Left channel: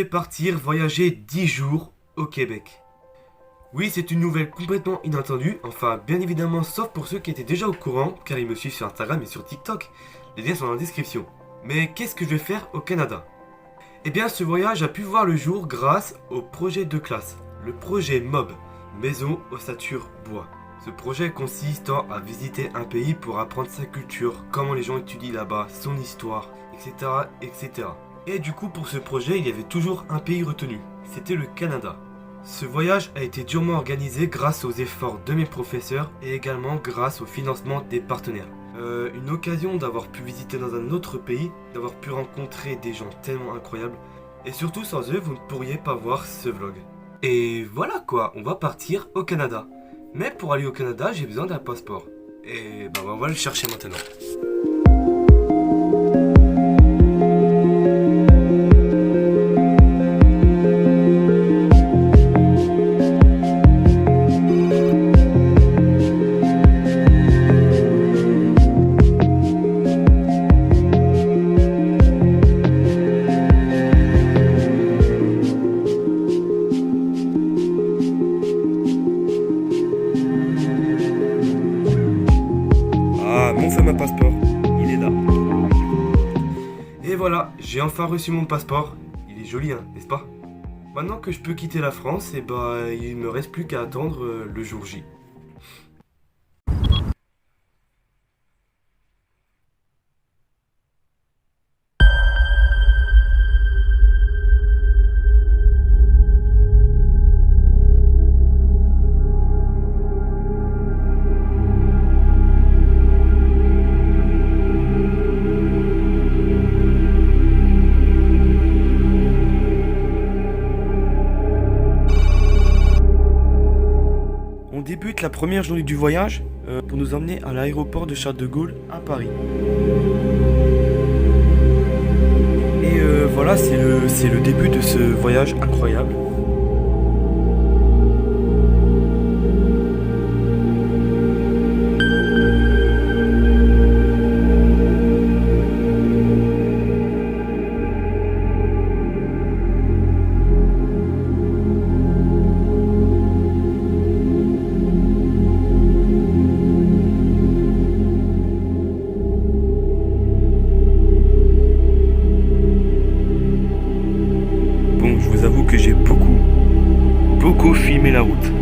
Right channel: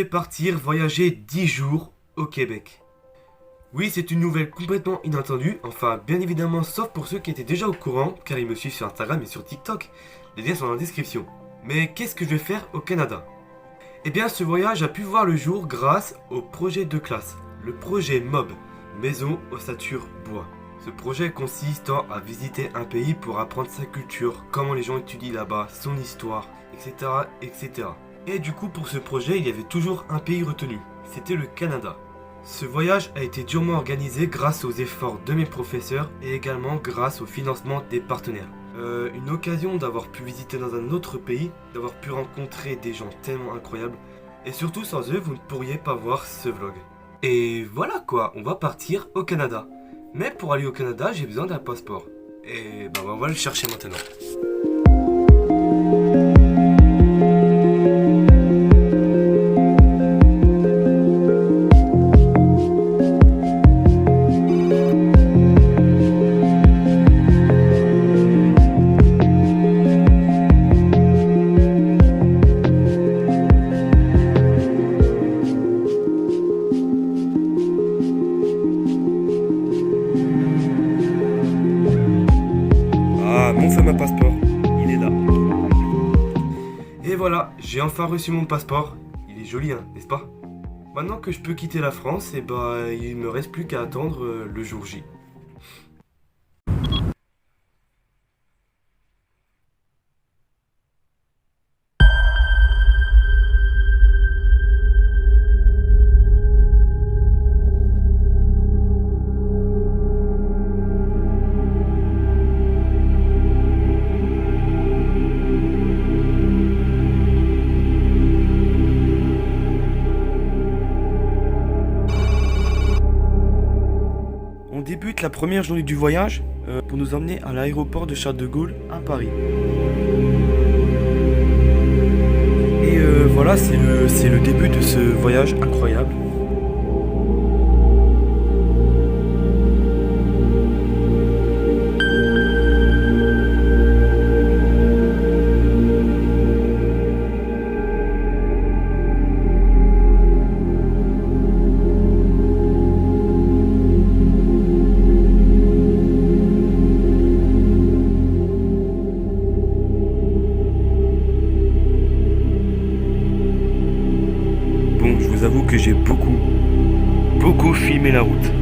vais partir voyager 10 jours au Québec. Oui, c'est une nouvelle complètement inattendue, enfin bien évidemment sauf pour ceux qui étaient déjà au courant, car ils me suivent sur Instagram et sur TikTok. Les liens sont dans la description. Mais qu'est-ce que je vais faire au Canada? Eh bien ce voyage a pu voir le jour grâce au projet de classe, le projet MOB, Maison Ossature Bois. Ce projet consiste à visiter un pays pour apprendre sa culture, comment les gens étudient là-bas, son histoire, etc., etc. Et du coup pour ce projet il y avait toujours un pays retenu, c'était le Canada. Ce voyage a été durement organisé grâce aux efforts de mes professeurs et également grâce au financement des partenaires. Une occasion d'avoir pu visiter dans un autre pays, d'avoir pu rencontrer des gens tellement incroyables, et surtout sans eux vous ne pourriez pas voir ce vlog. Et voilà quoi, on va partir au Canada. Mais pour aller au Canada j'ai besoin d'un passeport. Et ben on va le chercher maintenant. Mon fameux passeport, il est là. Et voilà, j'ai enfin reçu mon passeport. Il est joli, hein, n'est-ce pas? Maintenant que je peux quitter la France, et bah il me reste plus qu'à attendre le jour J. On débute la première journée du voyage pour nous emmener à l'aéroport de Charles de Gaulle à Paris. Et voilà, c'est le début de ce voyage incroyable. Bon, je vous avoue que j'ai beaucoup filmé la route.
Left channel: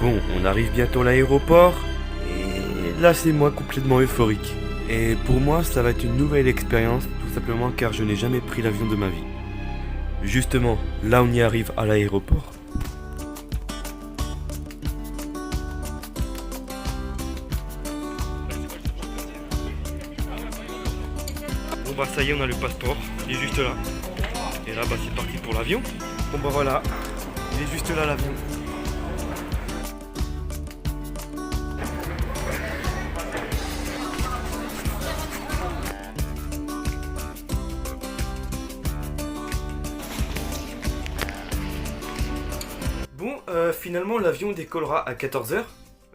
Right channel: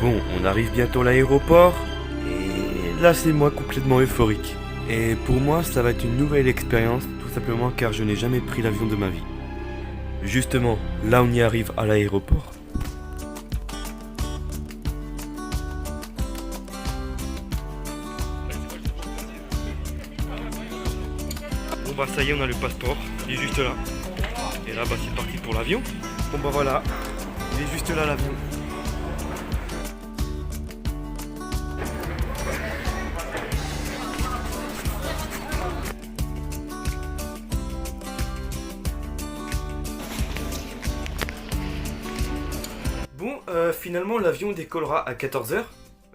Bon, on arrive bientôt à l'aéroport, et là c'est moi complètement euphorique. Et pour moi ça va être une nouvelle expérience, tout simplement car je n'ai jamais pris l'avion de ma vie. Justement, là on y arrive à l'aéroport. Bon bah ça y est, on a le passeport, il est juste là. Et là bah c'est parti pour l'avion. Bon bah voilà, il est juste là l'avion. finalement l'avion décollera à 14h.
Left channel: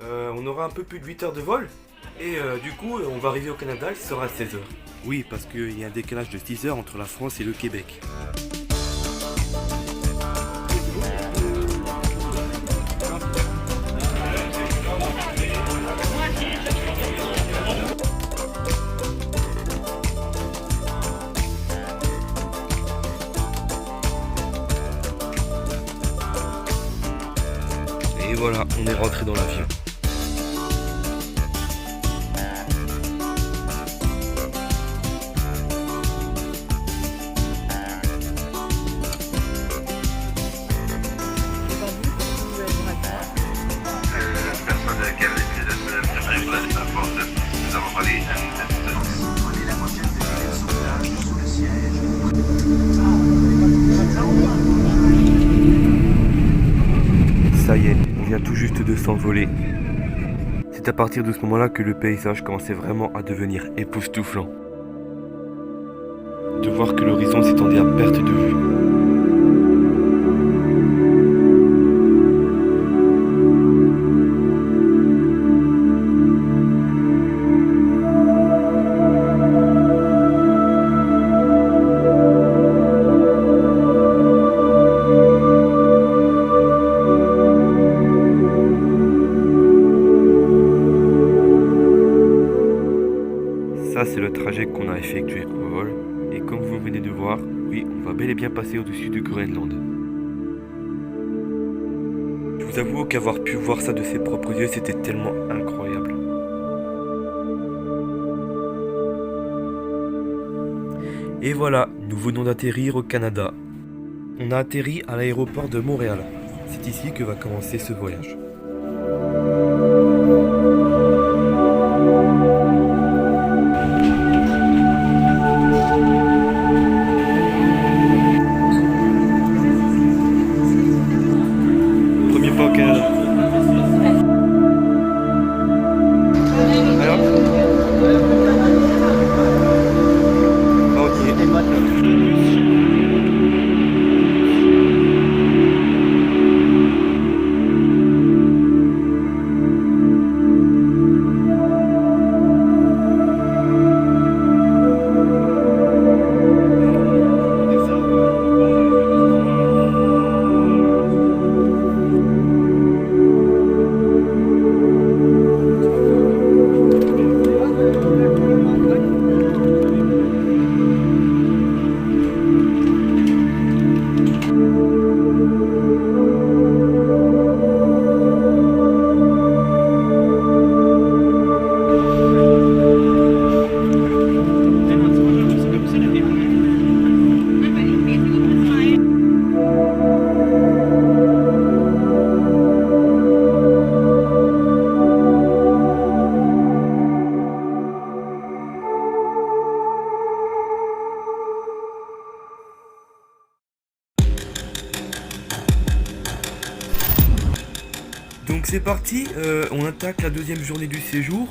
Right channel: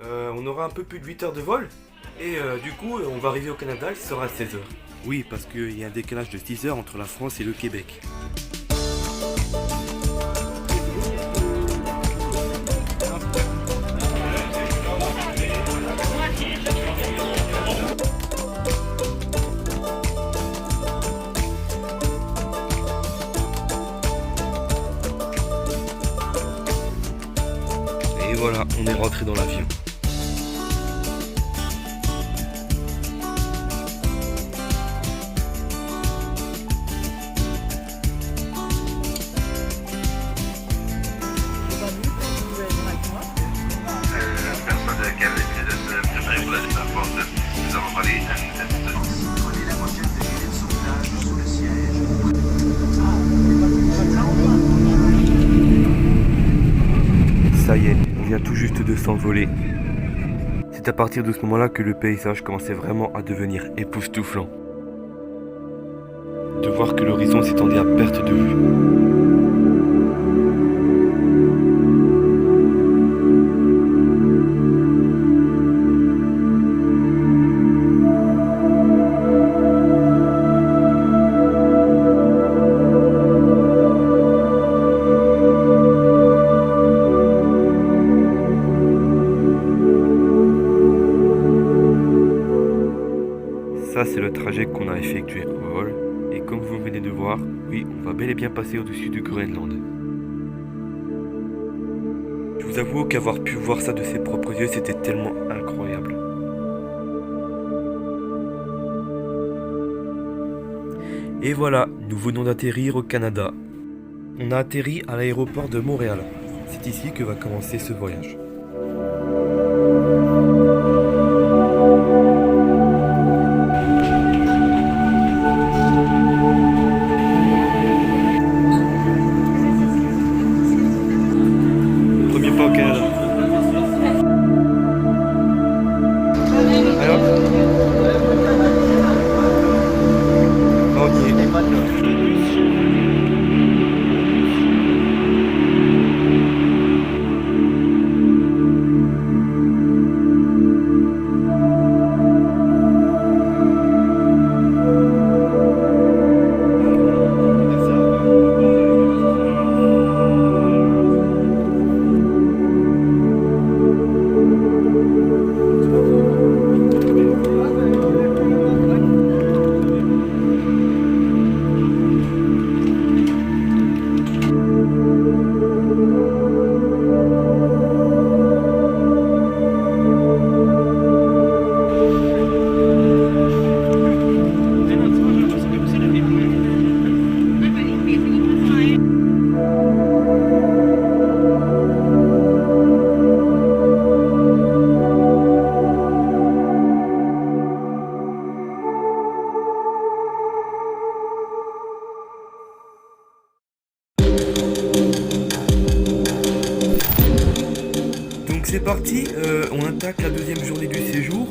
On aura un peu plus de 8 heures de vol. Et du coup, on va arriver au Canada, il sera à 16h. Oui, parce qu'il y a un décalage de 6 heures entre la France et le Québec. Et voilà, on est rentré dans l'avion. Personne qui avait décidé de se préparer pour la défense. Nous avons parlé prenez la prochaine défilée de sauvetage sous le siège. Ça y est, on vient tout juste de s'envoler. C'est à partir de ce moment-là que le paysage commençait vraiment à devenir époustouflant. De voir que l'horizon s'étendait à perte de vue. Ça, c'est le trajet qu'on a effectué en vol. Et comme vous venez de voir, oui, on va bel et bien passer au-dessus du Groenland. Je vous avoue qu'avoir pu voir ça de ses propres yeux, c'était tellement incroyable. Et voilà, nous venons d'atterrir au Canada. On a atterri à l'aéroport de Montréal. C'est ici que va commencer ce voyage. Premier pas au Canada. Allez hop. On y est. Donc c'est parti, on attaque la deuxième journée du séjour.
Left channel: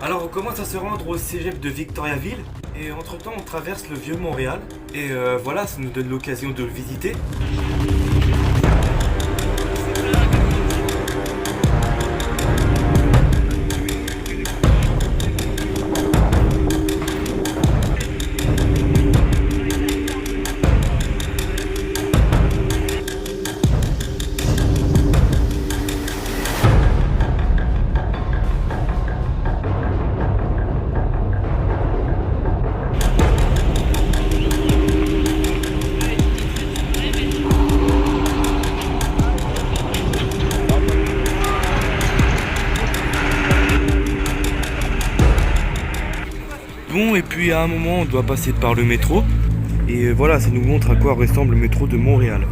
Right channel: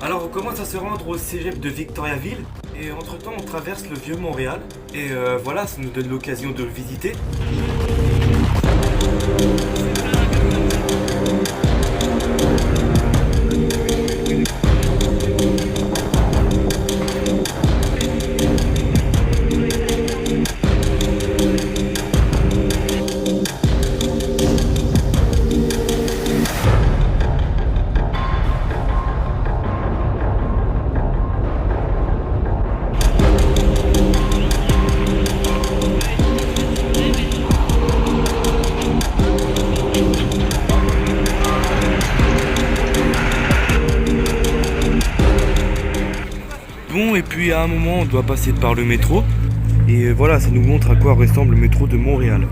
Alors on commence à se rendre au cégep de Victoriaville et entre temps on traverse le vieux Montréal et voilà, ça nous donne l'occasion de le visiter. Bon, et puis à un moment on doit passer par le métro et voilà, ça nous montre à quoi ressemble le métro de Montréal.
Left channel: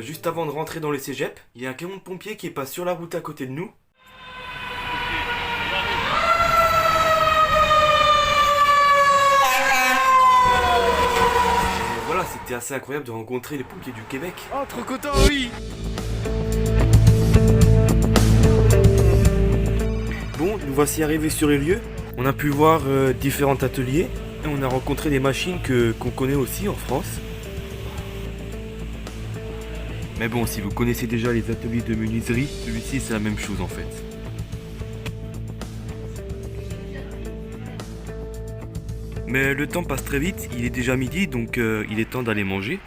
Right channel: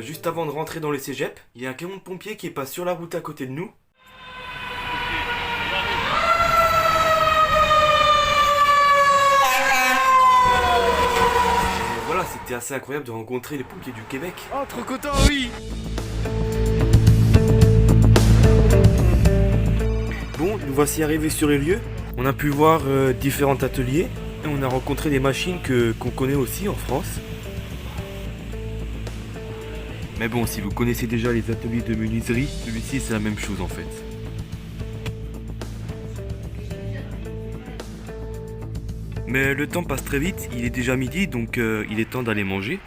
juste avant de rentrer dans le cégep, il y a un camion de pompiers qui passe sur la route à côté de nous. Et voilà, c'était assez incroyable de rencontrer les pompiers du Québec. Oh, trop content, oui. Bon, nous voici arrivés sur les lieux. On a pu voir différents ateliers et on a rencontré des machines qu'on connaît aussi en France. Mais bon, si vous connaissez déjà les ateliers de menuiserie, celui-ci c'est la même chose en fait. Mais le temps passe très vite, il est déjà midi donc il est temps d'aller manger.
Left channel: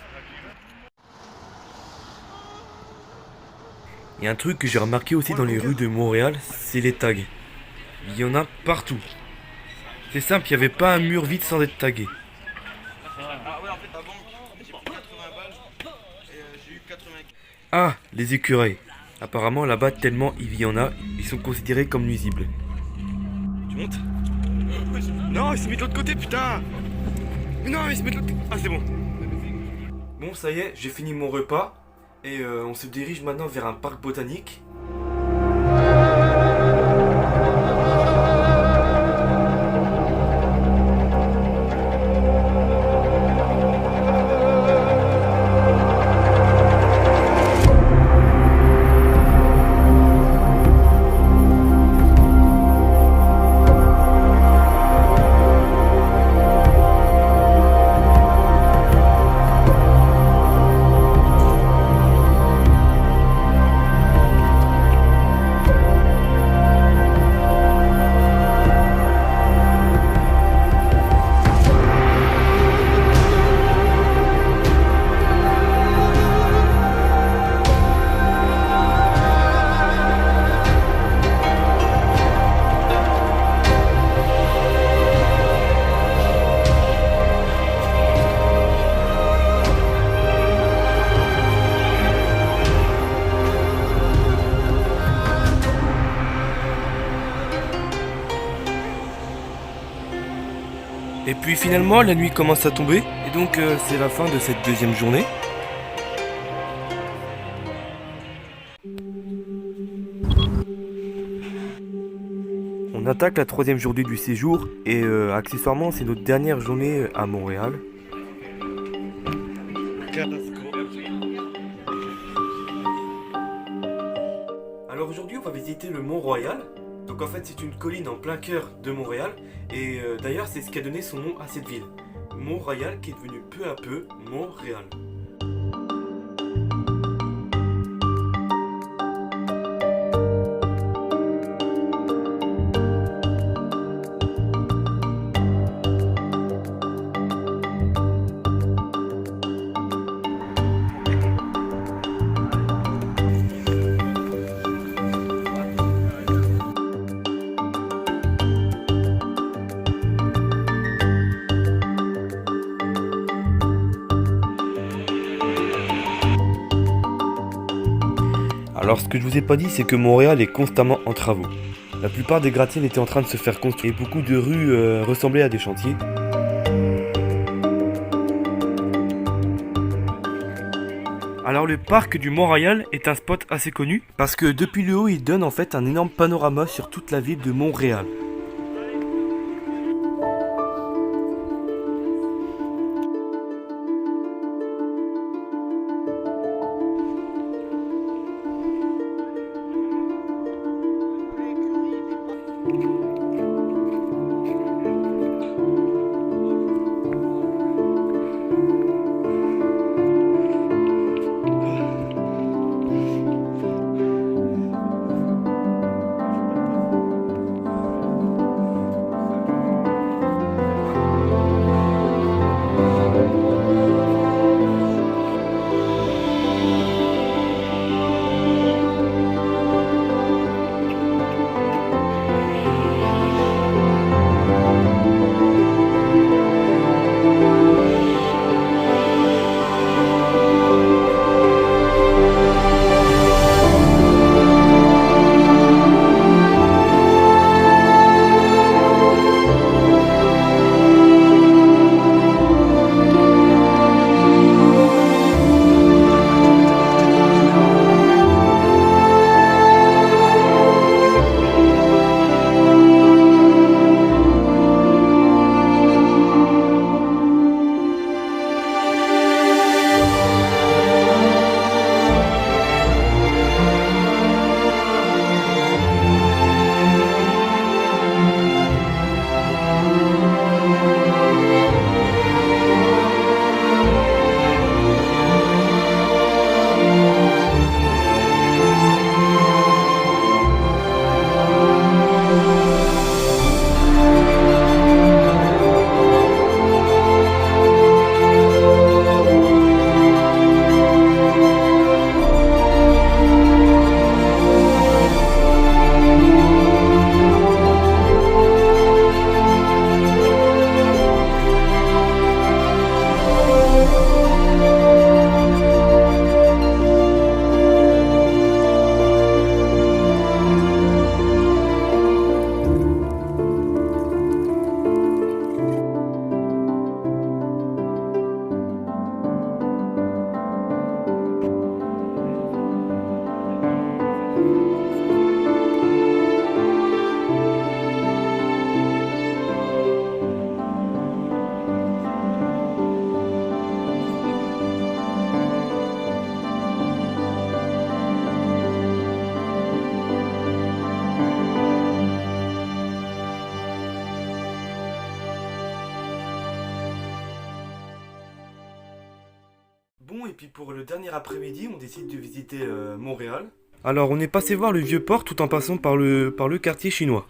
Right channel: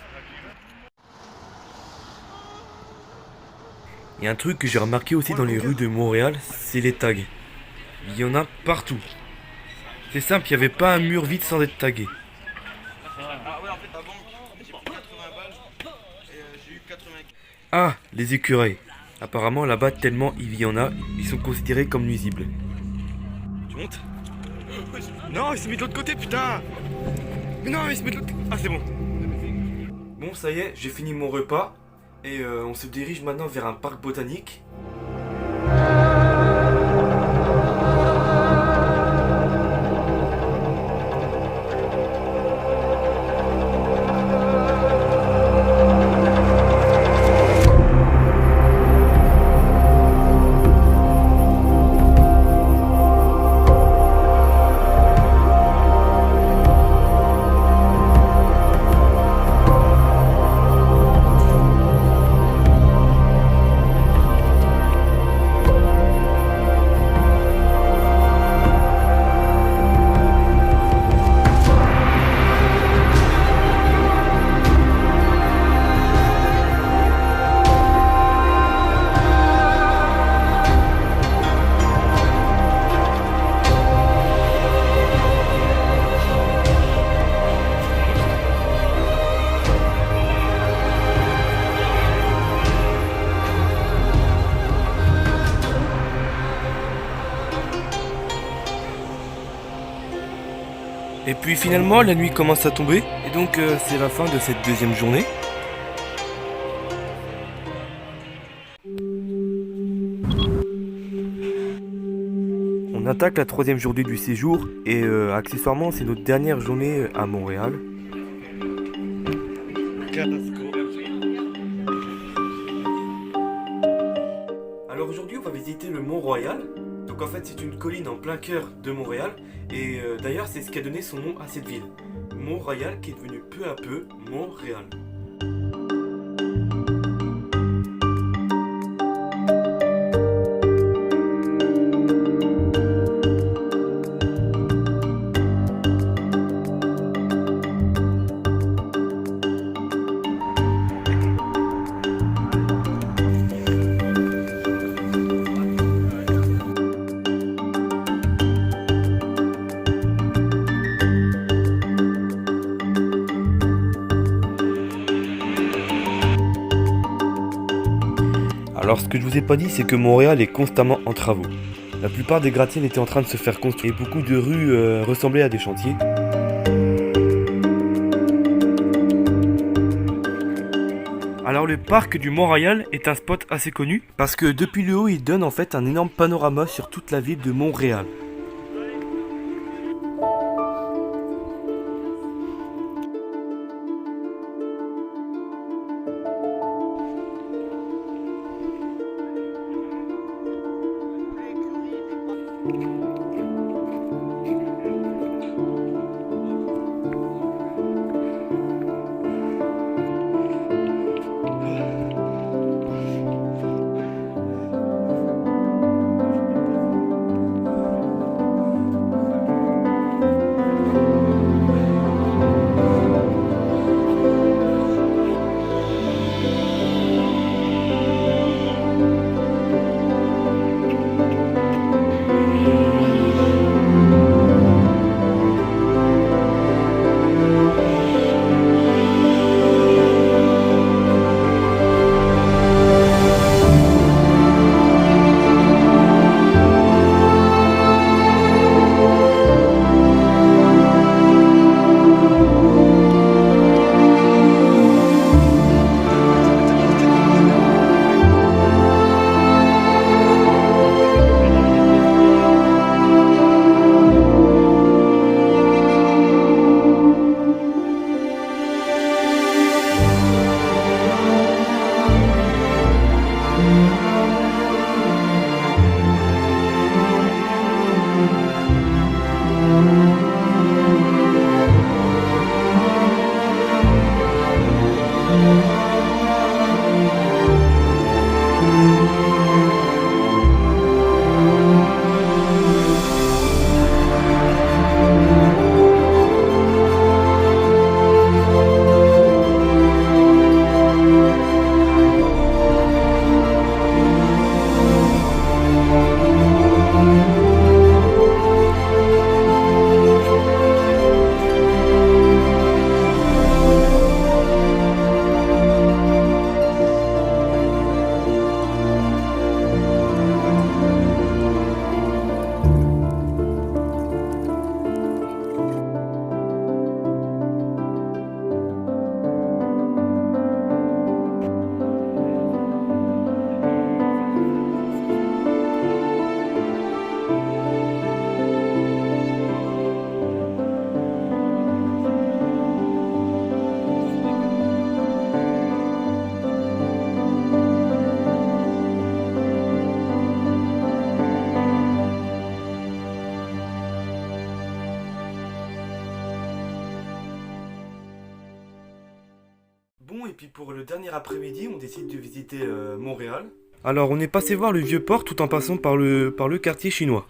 Il y a un truc que j'ai remarqué aussi dans les rues de Montréal, c'est les tags. Il y en a partout. C'est simple, il n'y avait pas un mur vide sans être tagué. Ah ouais, en fait, avant, j'ai pris 80 balles et j'ai eu 80. Ah, les écureuils. Apparemment là-bas, tellement il y en a, ils sont considérés comme nuisibles. Tu montes? Non, il se met de l'autre côté, putain! Mais non, il se met de l'autre côté. Ah, c'est bon. Bon, ça y est, j'ai fini mon repas. Et on se dirige maintenant vers un parc botanique. Et puis finalement, la nuit commence à tomber. Et donc c'est la fin de cette deuxième journée. On attaque la troisième journée du séjour. Et accessoirement, c'est notre dernière journée à Montréal. Alors aujourd'hui, on va visiter le Mont-Royal. Donc en fait, c'est une colline en plein cœur de Montréal. Et d'ailleurs, c'est ce qui a donné son nom à cette ville. Mont-Royal qui est devenu peu à peu Montréal. Alors ce que je vous ai pas dit, c'est que Montréal est constamment en travaux. La plupart des gratte-ciels étaient en train de se faire construire et beaucoup de rues ressemblaient à des chantiers. Alors le parc du Mont-Royal est un spot assez connu parce que depuis le haut, il donne en fait un énorme panorama sur toute la ville de Montréal. Bon, et puis pour le dernier après-midi, on décide de visiter Montréal. Alors, on est passé voir le Vieux-Port tout en passant par le quartier chinois.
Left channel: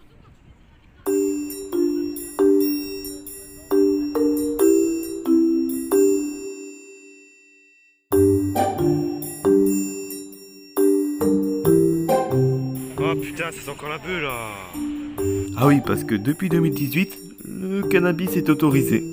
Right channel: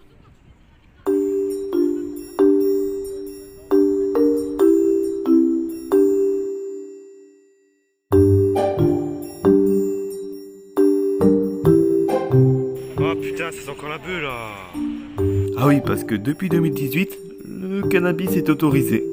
Oh putain, ça sent encore la beuh là. Ah oui, parce que depuis 2018, le cannabis est autorisé.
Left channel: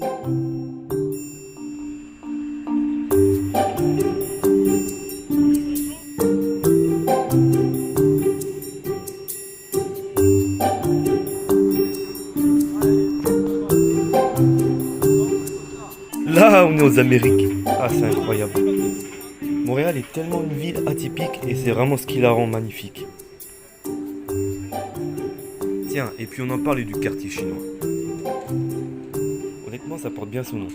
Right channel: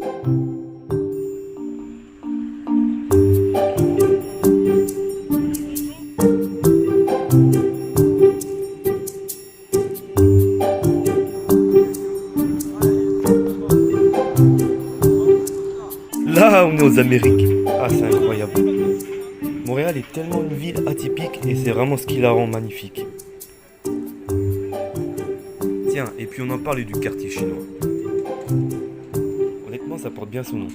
Là, on est aux Amériques. Ah, c'est incroyable. Montréal est tellement une ville atypique et c'est vraiment ce qui la rend magnifique. Tiens, et puis on en parlait du quartier chinois. Honnêtement, ça porte bien son nom.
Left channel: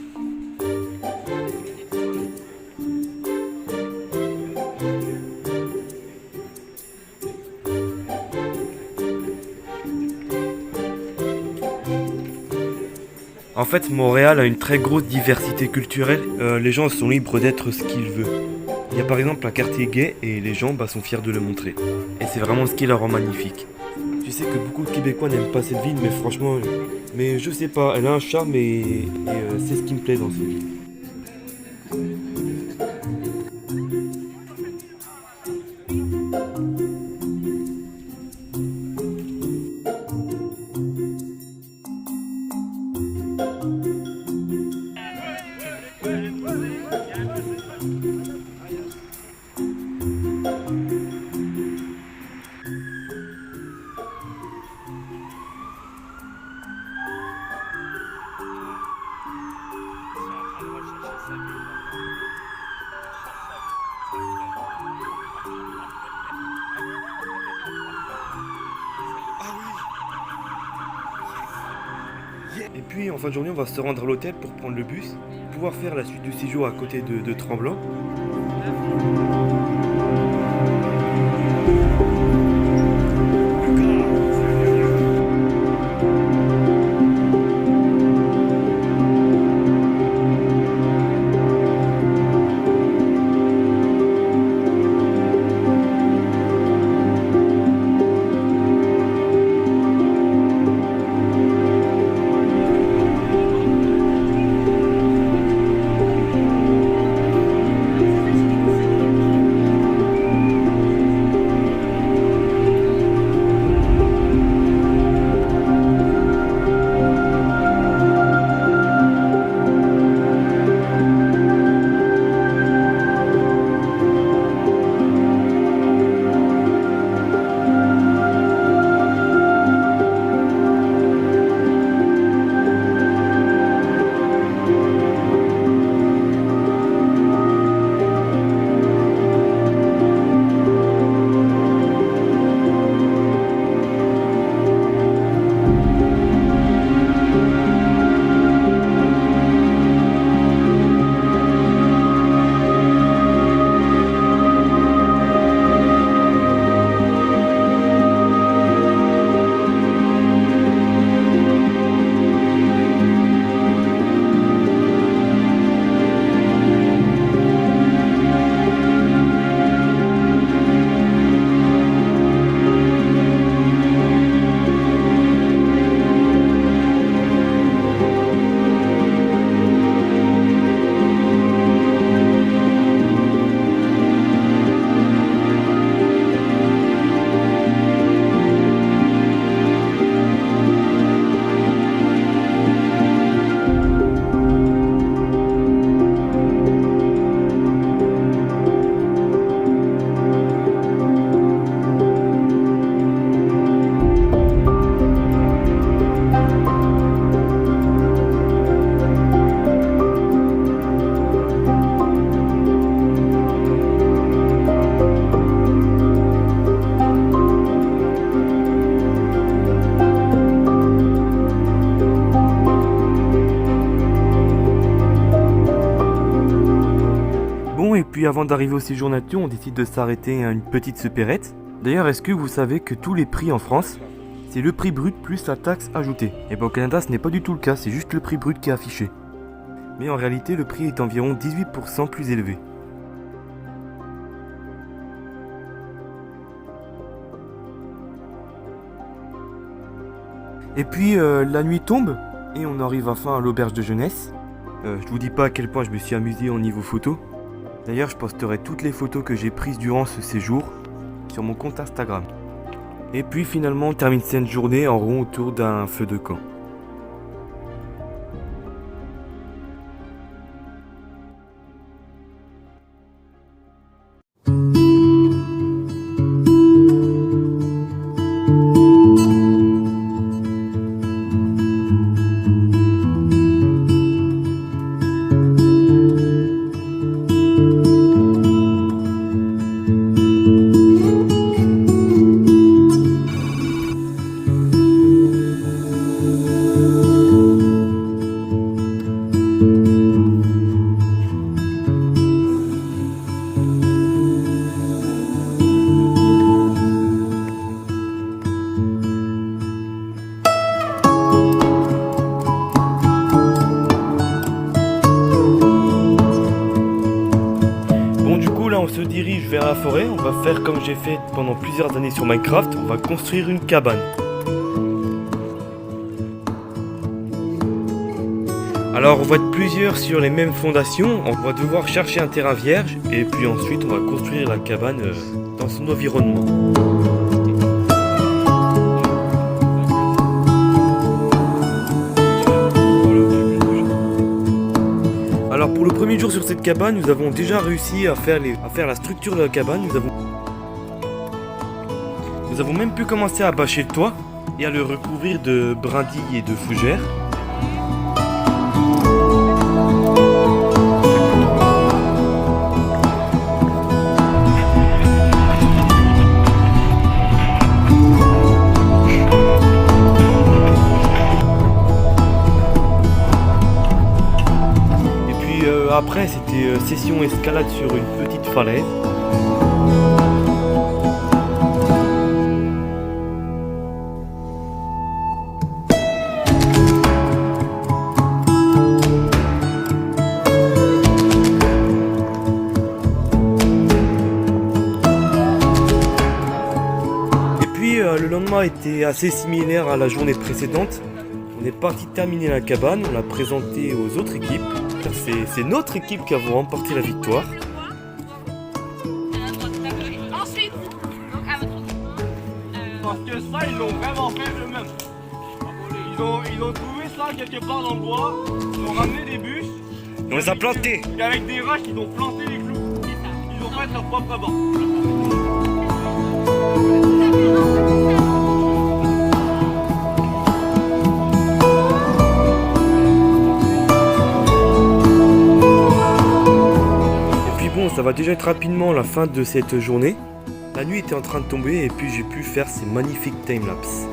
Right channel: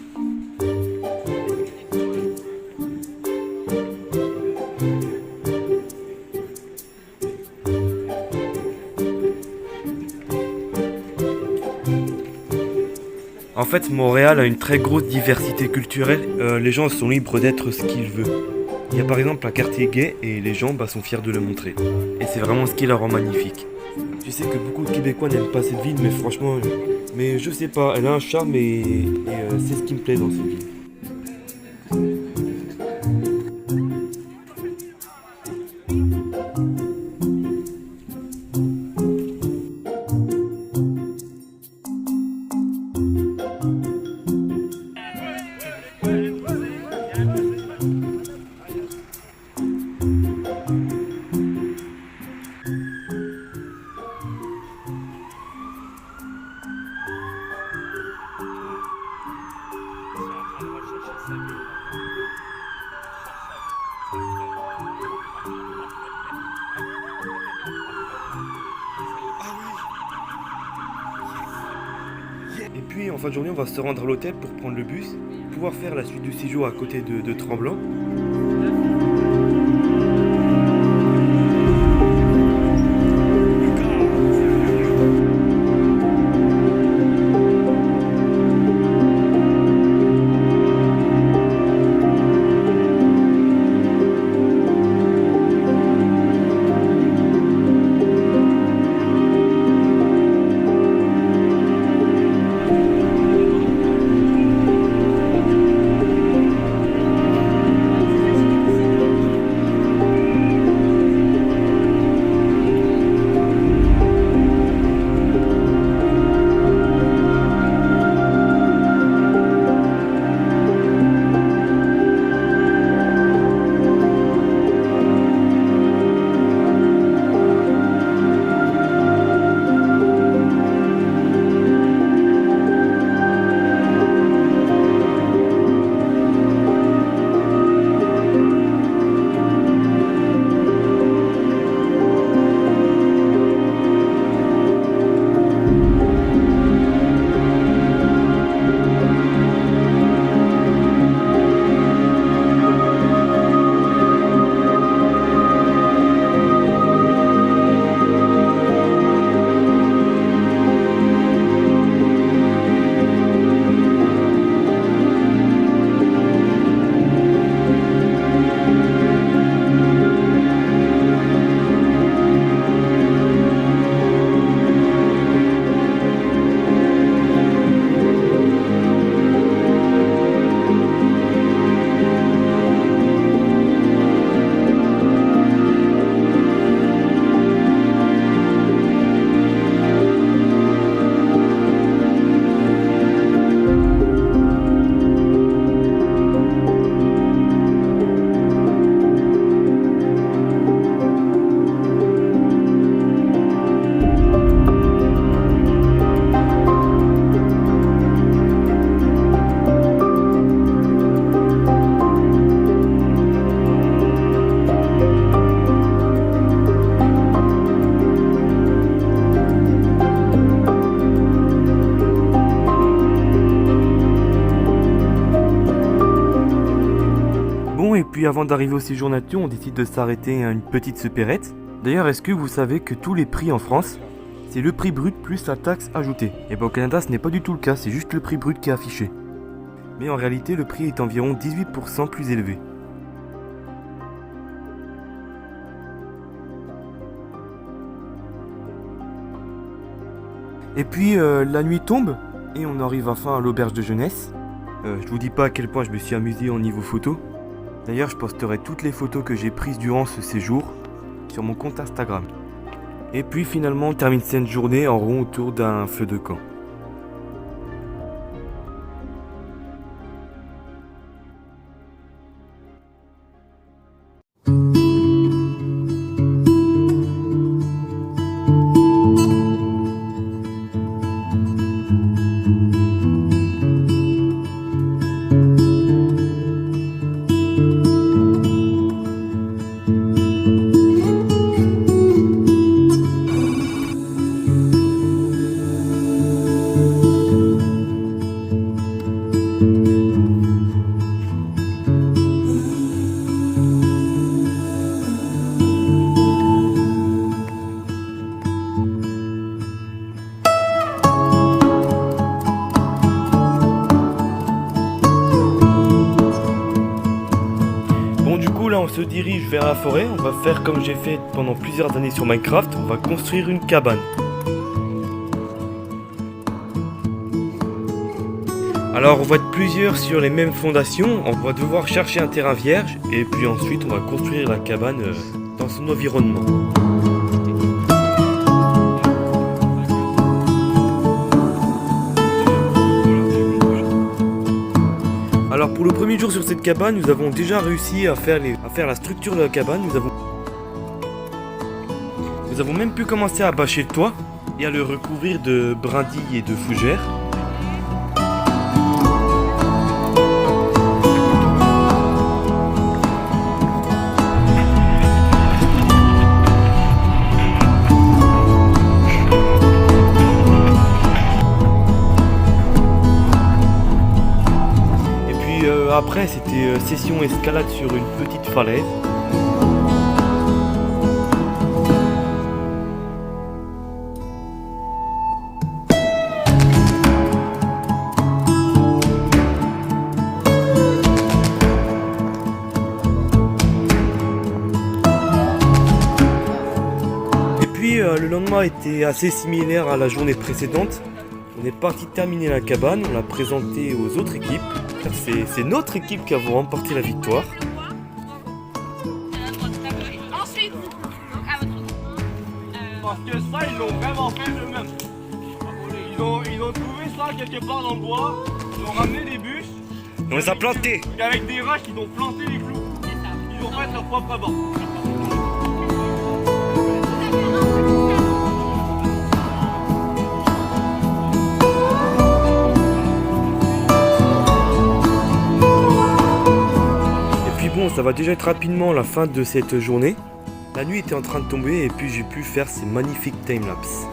En fait, Montréal a une très grosse diversité culturelle. Les gens sont libres d'être ce qu'ils veulent. Il y a par exemple un quartier gay et les gens sont fiers de le montrer. Et c'est vraiment ce qui la rend magnifique. Je sais que beaucoup de Québécois n'aiment pas cette ville, mais franchement, mais je sais pas, elle a un charme et c'est ce qui me plaît dans cette ville. Et puis en fin de journée, on va se rendre à l'hôtel pour prendre le bus, pouvoir faire la suite du séjour à côté de Tremblant. Et puis avant d'arriver au séjour nature, on décide de s'arrêter à une petite supérette. D'ailleurs, est-ce que vous savez que tous les prix en France, c'est le prix brut plus la taxe ajoutée? Et bien au Canada, ce n'est pas du tout le cas, c'est juste le prix brut qui est affiché. Mais en réalité, le prix est environ 18% plus élevé. Et puis la nuit tombe et on arrive enfin à l'auberge de jeunesse. Je vous dis pas à quel point je me suis amusé au niveau photo. D'ailleurs, je posterai toutes les photos que j'ai prises durant ce séjour sur mon compte Instagram. Et puis finalement, on termine cette journée en rond autour d'un feu de camp. Bon, du coup là on se dirige vers la forêt, on va faire comme j'ai fait pendant plusieurs années sur Minecraft, on va construire une cabane. Alors on va être plusieurs sur les mêmes fondations, on va devoir chercher un terrain vierge et puis ensuite on va construire la cabane dans son environnement. Alors pour le premier jour sur cette cabane, nous avons déjà réussi à faire la structure de la cabane. Nous avons même pu commencer à bâcher le toit et à le recouvrir de brindilles et de fougères. Après, c'était session escalade sur une petite falaise. Et puis, le lendemain était assez similaire à la journée précédente. On est parti terminer la cabane, on l'a présentée aux autres équipes. C'est notre équipe qui a remporté la victoire. Ensuite, donc à votre tour. Parce que ça, ils l'ont vraiment fait eux-mêmes. Ils ont trouvé ça quelque part dans le bois, ils ont ramené des bûches. On les a plantés. Et avec des roches, ils ont planté les clous. Ils ont fait leur propre banc. Bon, ça va déjà être rapidement la fin de cette journée. La nuit était en train de tomber et puis j'ai pu faire ces magnifiques timelapses.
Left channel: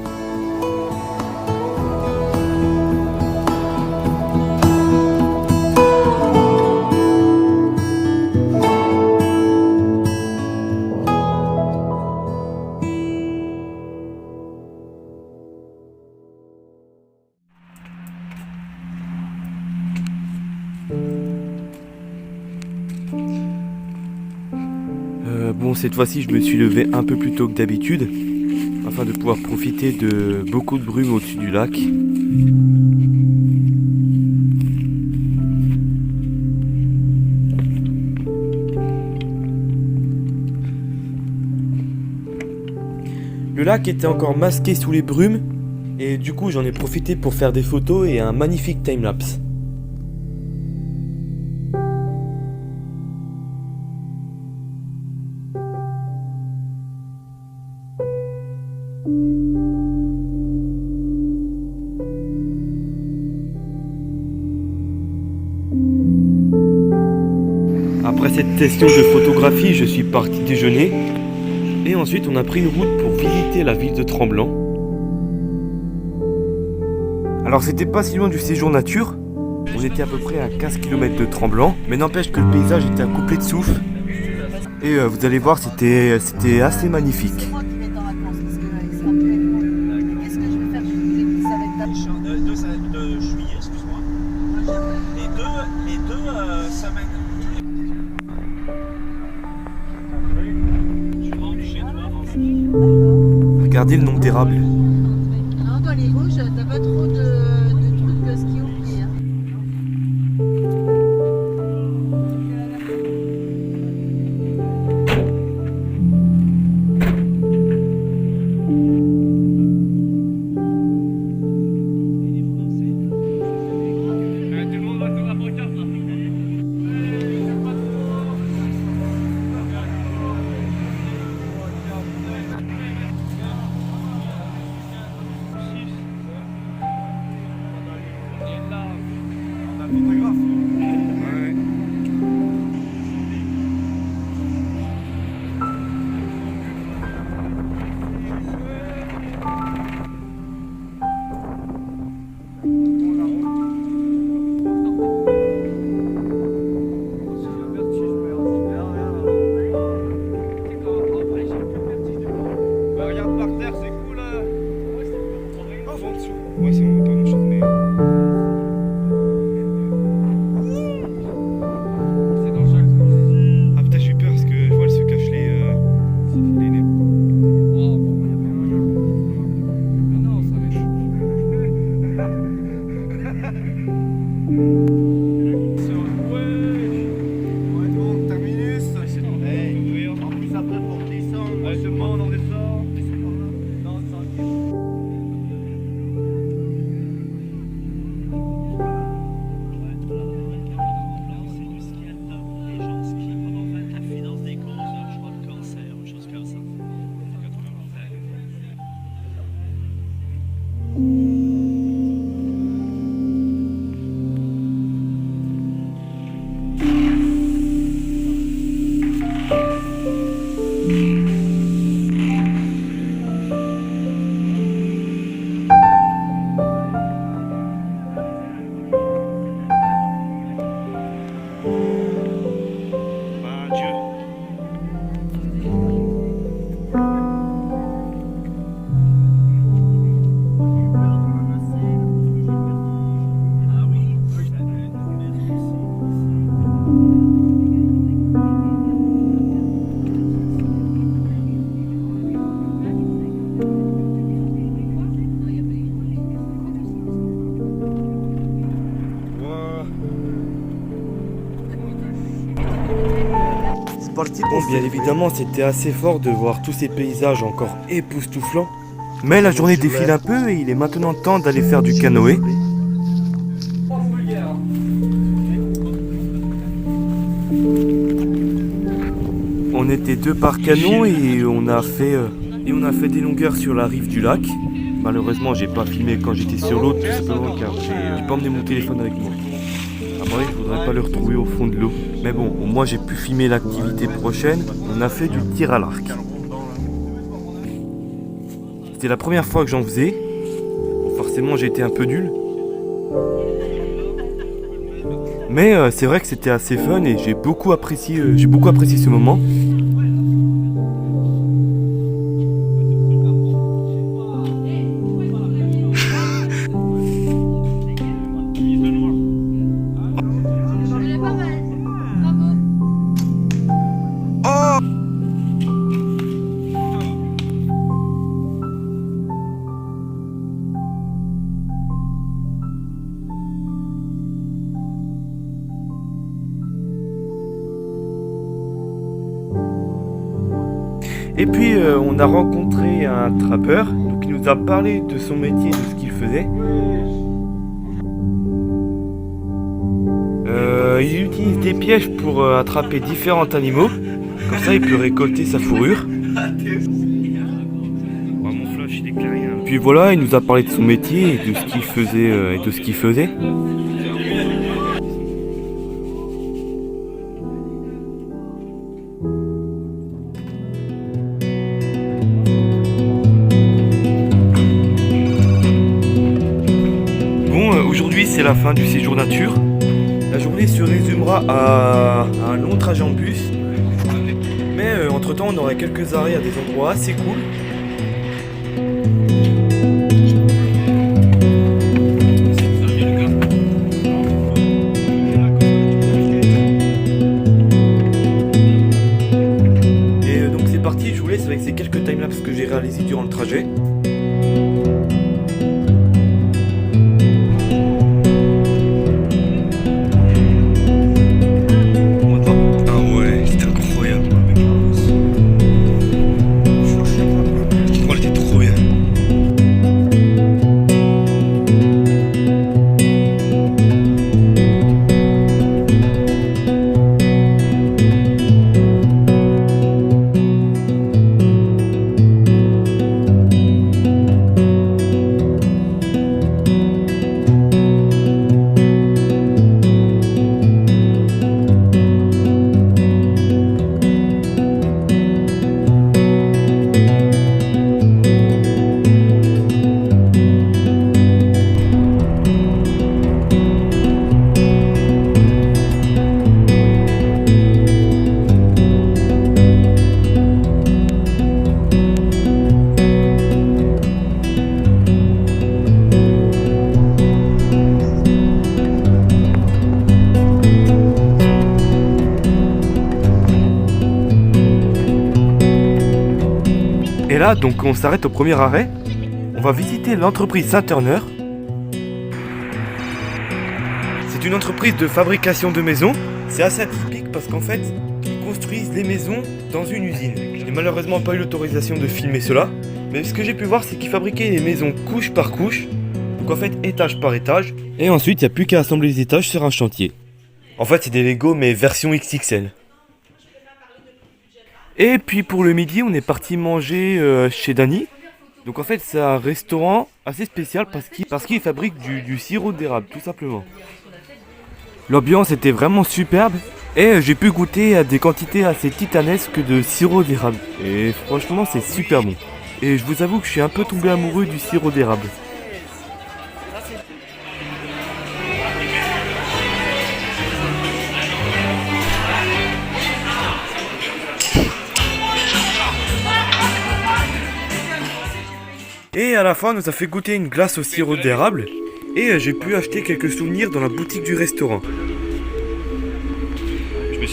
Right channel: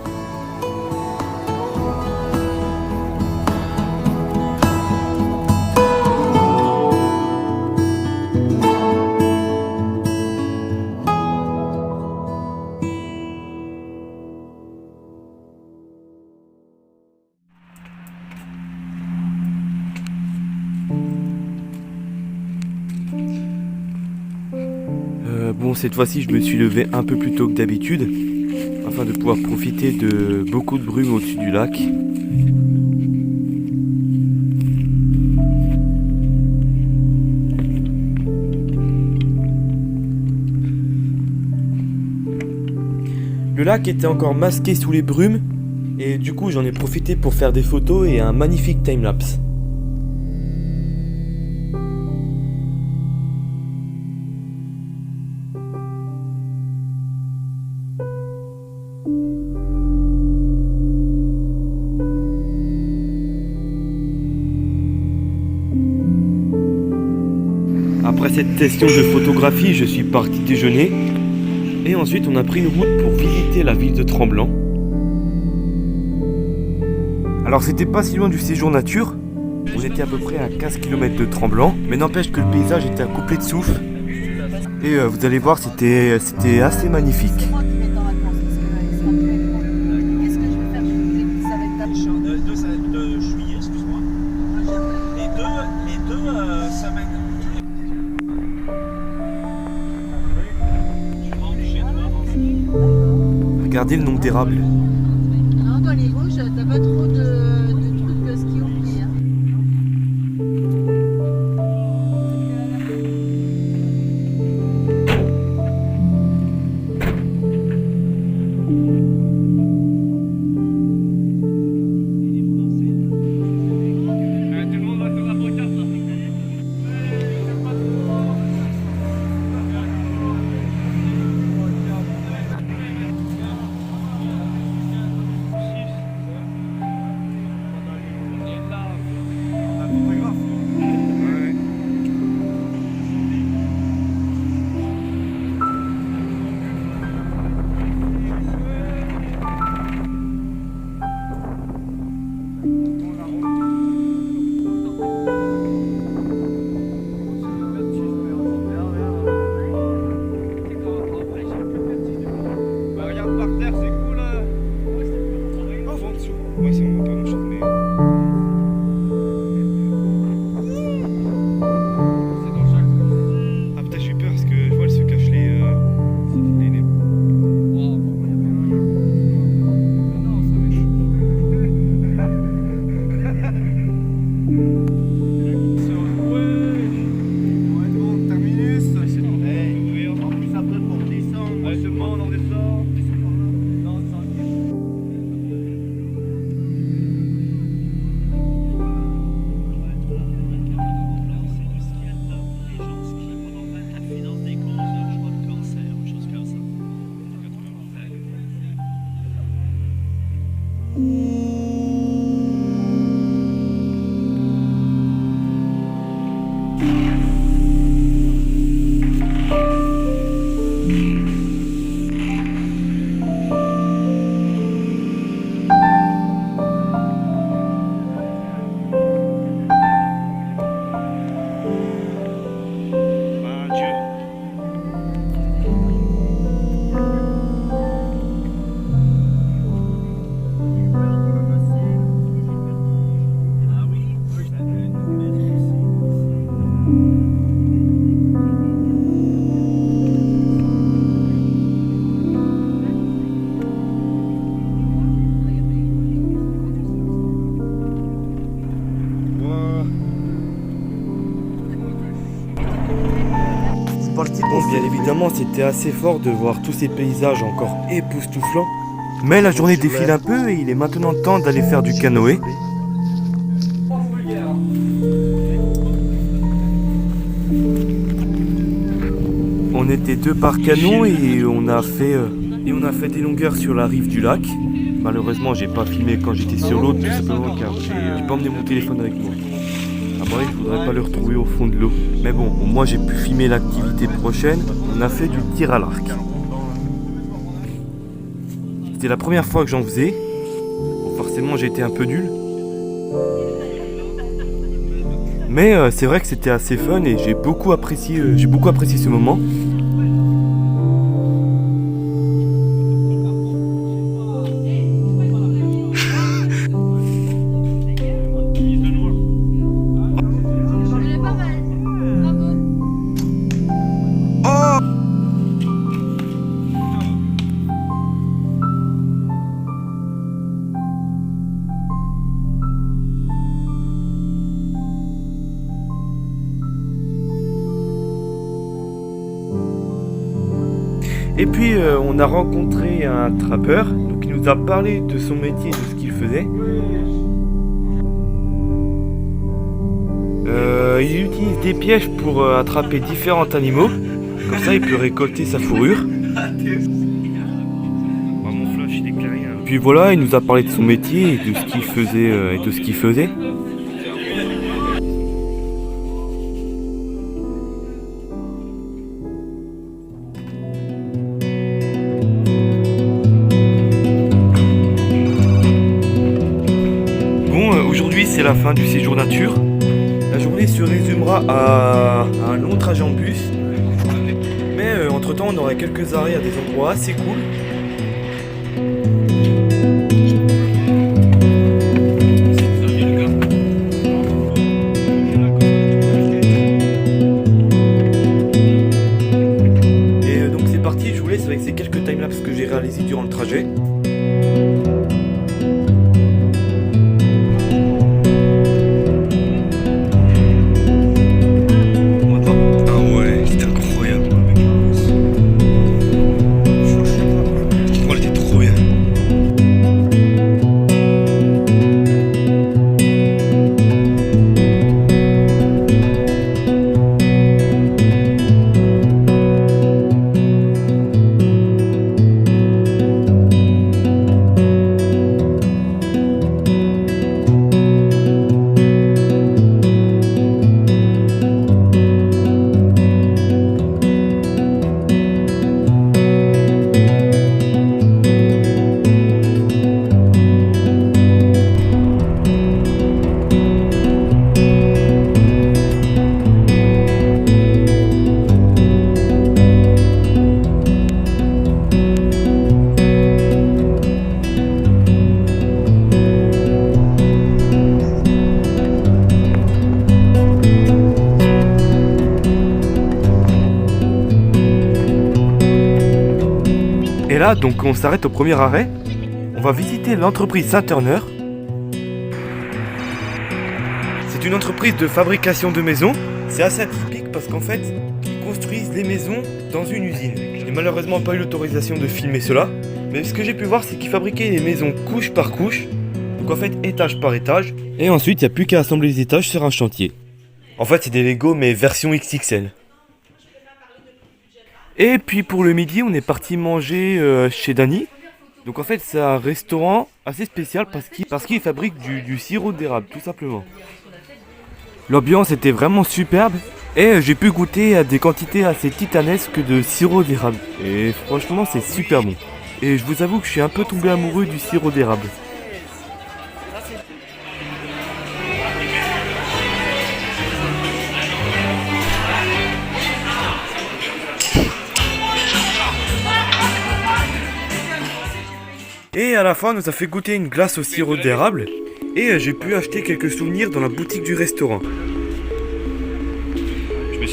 Bon, cette fois-ci, je me suis levé un peu plus tôt que d'habitude afin de pouvoir profiter de beaucoup de brume au-dessus du lac. Le lac était encore masqué sous les brumes et du coup, j'en ai profité pour faire des photos et un magnifique timelapse. Après cette session de photographie, je suis parti déjeuner et ensuite on a pris une route pour visiter la ville de Tremblant. Alors c'était pas si loin du séjour nature, on était à peu près à 15 km de Tremblant, mais n'empêche que le paysage était à couper de souffle et vous allez voir c'était assez magnifique. C'est moi qui vais être en vacances parce que c'est un peu loin. Qu'est-ce que je vais faire? Je vais vous écouter, ça va être De juillet, excuse-moi. Les deux semaines. Regardez le nombre d'érables. Non, dans les Vosges, t'as pas trop de trucs ski au pied. Hein. Tout le monde va sur la pancarte là. Regarde par terre, c'est cool. Ah, en dessous. Ouais, c'est bon, pardon, je mais... C'est dans chaque truc. Ah putain, j'ai eu peur parce que je vois, elle se cache les nez. Oh, non, ça va être... Ouais, bon, terminus. Hey, en plus après pour descendre. Ouais, c'est bon, on en descend. Bon, bien évidemment, c'était assez fort de voir tous ces paysages encore époustouflants. Mais la journée défile un peu et il est maintenant temps d'aller faire du canoë. On était 2 par canot et on a fait des longueurs sur la rive du lac. Malheureusement, j'ai pas filmé quand j'étais sur l'autre, tout simplement car j'ai pas emmené mon téléphone avec moi. À mon avis, je voudrais pas le retrouver au fond de l'eau. Mais bon, au moins j'ai pu filmer l'activité prochaine. On a fait du tir à l'arc. C'était la première fois que j'en faisais. Bon, forcément, j'ai été un peu nul. Mais c'est vrai que c'était assez fun et j'ai beaucoup apprécié ce moment. Et puis on a rencontré un trappeur, donc il nous a parlé de son métier et de ce qu'il faisait. Il utilise des pièges pour attraper différents animaux, comme ça il peut récolter sa fourrure. Puis voilà, il nous a parlé de son métier et de ce qu'il faisait. Aujourd'hui c'est la fin du séjour nature. La journée se résumera à un long trajet en bus. Mais entre temps on aura quelques arrêts à des endroits assez cool. Et donc c'est parti, je vous laisse avec ces quelques timelapses que j'ai réalisés durant le trajet. là, donc on s'arrête au premier arrêt. On va visiter l'entreprise Saint-Turner. C'est une entreprise de fabrication de maisons. C'est assez atypique parce qu'en fait, ils construisent les maisons dans une usine. Je n'ai malheureusement pas eu l'autorisation de filmer cela. Mais ce que j'ai pu voir, c'est qu'ils fabriquaient les maisons couche par couche. Donc en fait, étage par étage. Et ensuite, il n'y a plus qu'à assembler les étages sur un chantier. En fait, c'est des Lego mais version XXL. Et puis pour le midi, on est parti manger chez Dany. Donc en fait, c'est un restaurant assez spécial parce qu'il fabrique du sirop d'érable, tout simplement. L'ambiance était vraiment superbe et j'ai pu goûter à des quantités assez titanesques de sirop d'érable. Et franchement, c'est super bon. Et je vous avoue que je suis un peu tombé amoureux du sirop d'érable. Et à la fin, on nous a fait goûter une glace au sirop d'érable. Et j'ai pu acheter quelques souvenirs dans la boutique du restaurant.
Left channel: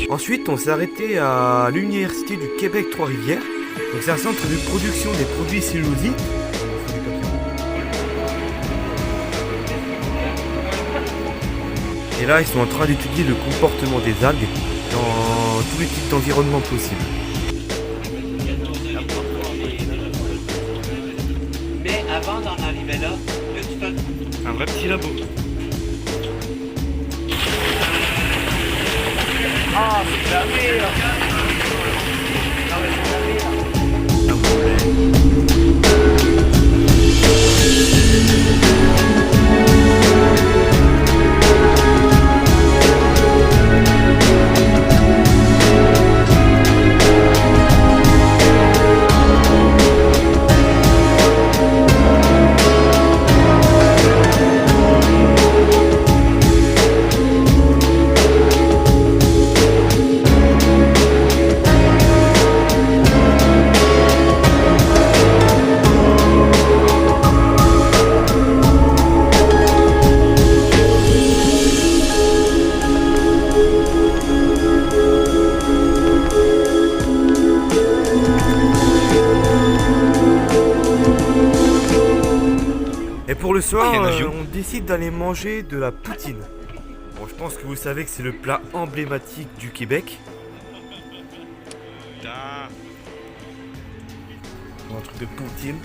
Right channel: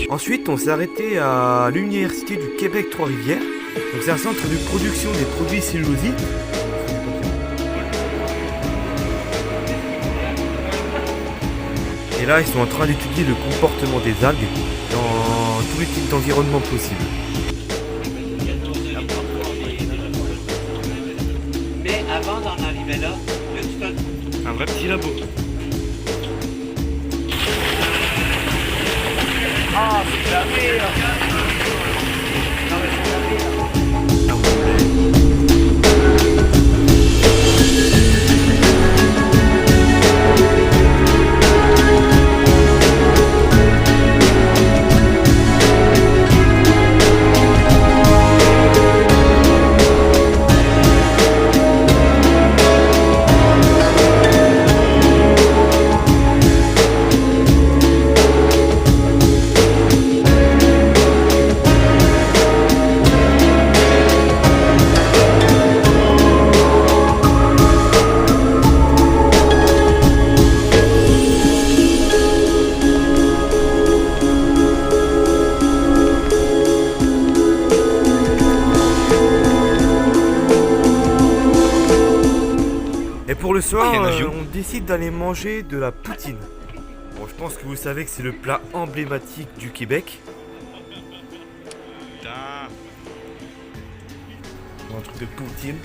Ensuite, on s'est arrêté à l'université du Québec Trois-Rivières. Donc c'est un centre de production des produits cellulosiques. Et là, ils sont en train d'étudier le comportement des algues dans tous les types d'environnements possibles. Mais avant d'en arriver là, tu fais Un vrai petit labo. Ah, c'est de la merde. Non, mais c'est de la merde. Et pour le soir, on décide d'aller manger de la poutine. Bon, je pense que vous savez que c'est le plat emblématique du Québec. Un truc de poutine.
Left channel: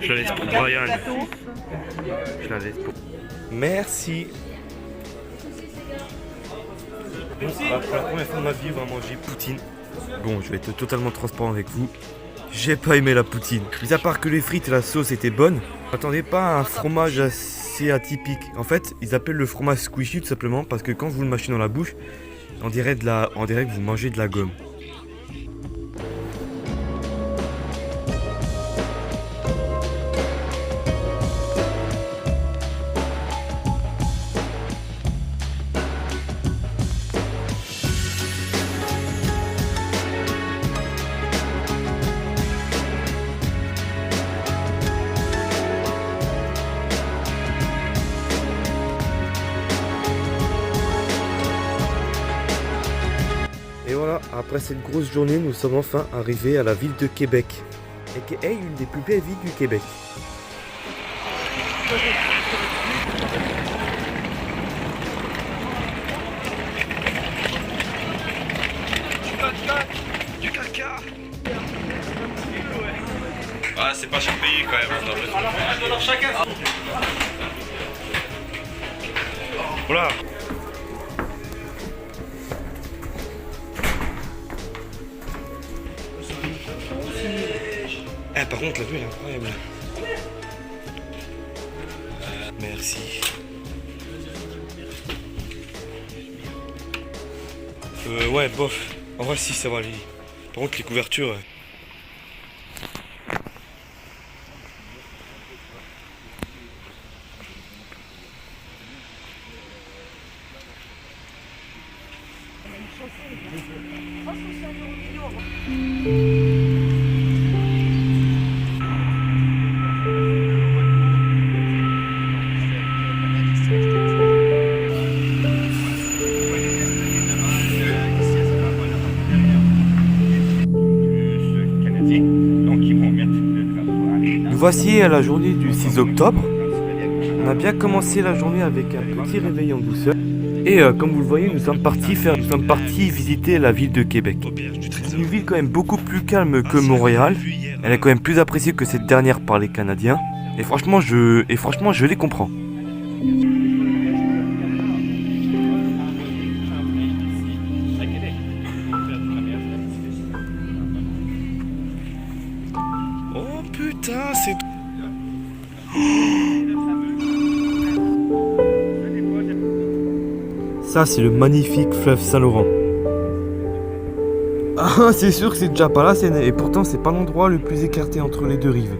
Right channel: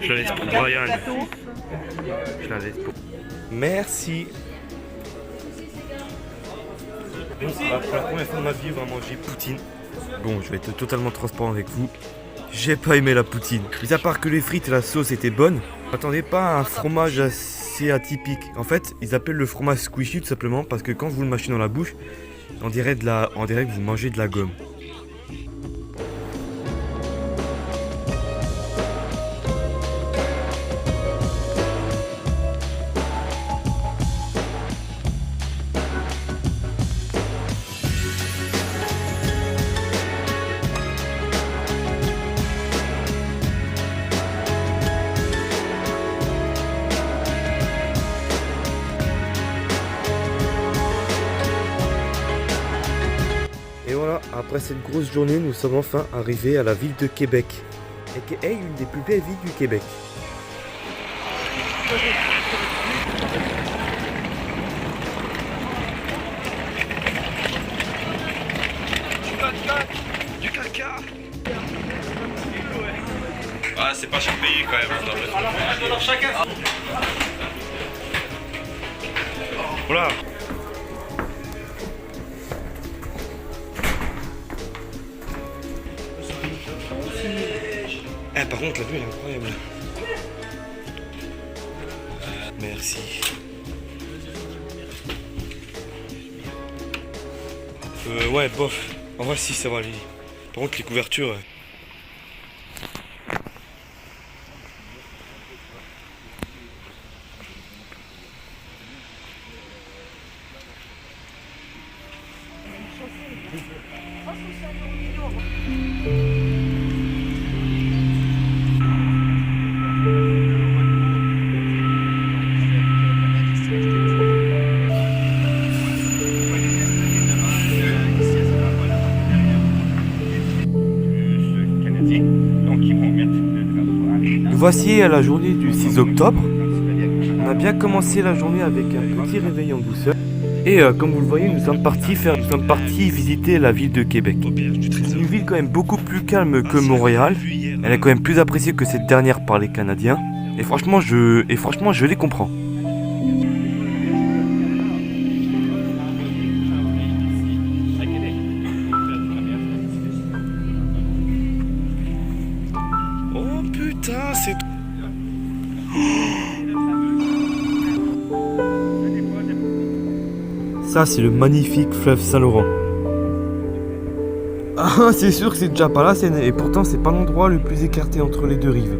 Je la laisse pour Brian. Je la laisse pour... Merci. Bon, pour la première fois de ma vie, on va manger poutine. Bon, je vais être totalement transparent avec vous. J'ai pas aimé la poutine. Mis à part que les frites et la sauce étaient bonnes, m'attendez pas à un fromage assez atypique. En fait, ils appellent le fromage squishy tout simplement parce que quand vous le mâchez dans la bouche, on dirait que vous mangez de la gomme. Et voilà, après cette grosse journée, nous sommes enfin arrivés à la ville de Québec, aka une des plus belles villes du Québec. Du caca. Ah, c'est pas chaque pays quand même. Alors chacun. Voilà. Ah, par contre, la vue elle est incroyable. Merci. Ouais, bof. En vrai, si, ça va aller. Par contre, les couvertures. Canadiens. Donc ils vont mettre le drapeau à l'État. Nous voici à la journée du 6 octobre. On a bien commencé la journée avec un petit réveil en douceur. Et comme vous le voyez, nous sommes partis visiter la ville de Québec. C'est une ville quand même beaucoup plus calme que Montréal. Elle est quand même plus appréciée que cette dernière par les Canadiens. Et franchement, je les comprends. Oh putain, c'est... Ça, c'est le magnifique fleuve Saint-Laurent. Ah, c'est sûr que c'est déjà pas la Seine, et pourtant c'est pas l'endroit le plus écarté entre les deux rives.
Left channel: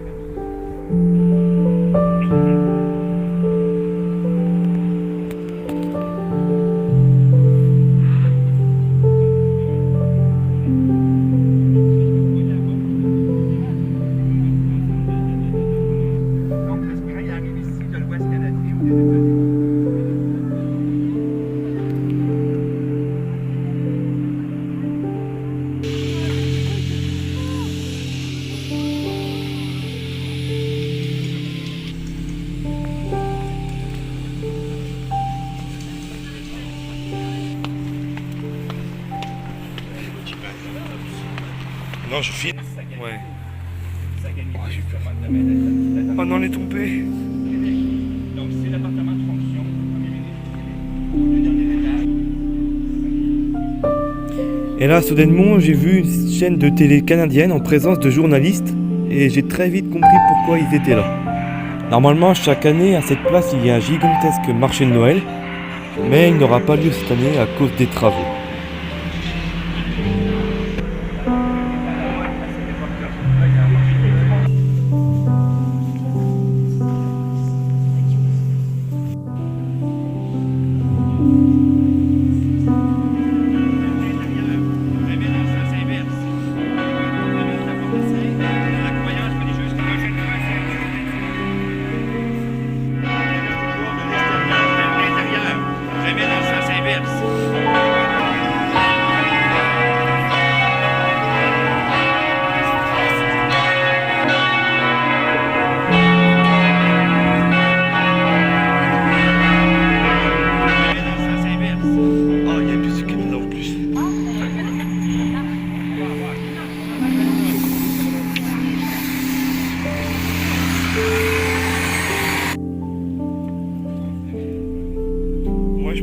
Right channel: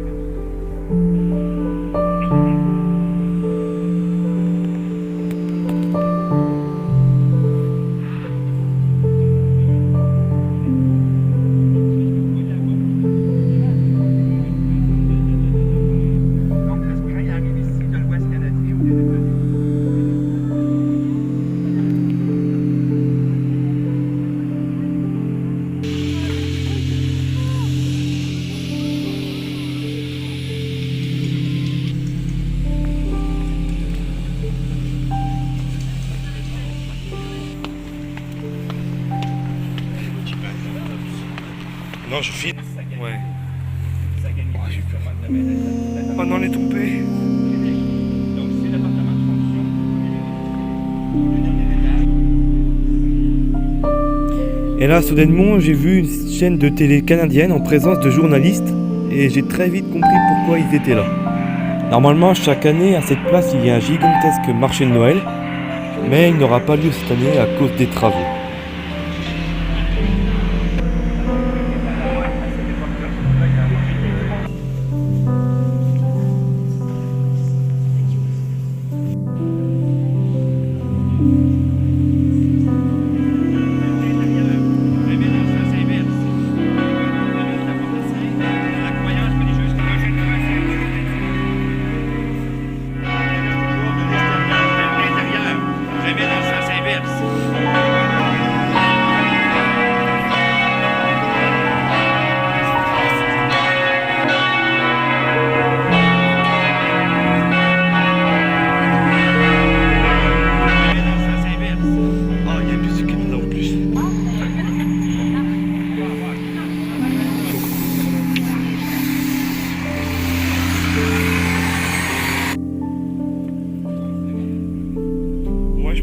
Donc le train arrive ici de l'Ouest canadien ou des États-Unis. Non, je filme. Ouais. Ça gagne j'ai peur. Oh non, on est tombé. Donc c'est l'appartement de fonction. Le dernier étage. Et là, soudainement, j'ai vu une chaîne de télé canadienne en présence de journalistes et j'ai très vite compris pourquoi ils étaient là. Normalement, chaque année, à cette place, il y a un gigantesque marché de Noël, mais il n'aura pas lieu cette année à cause des travaux.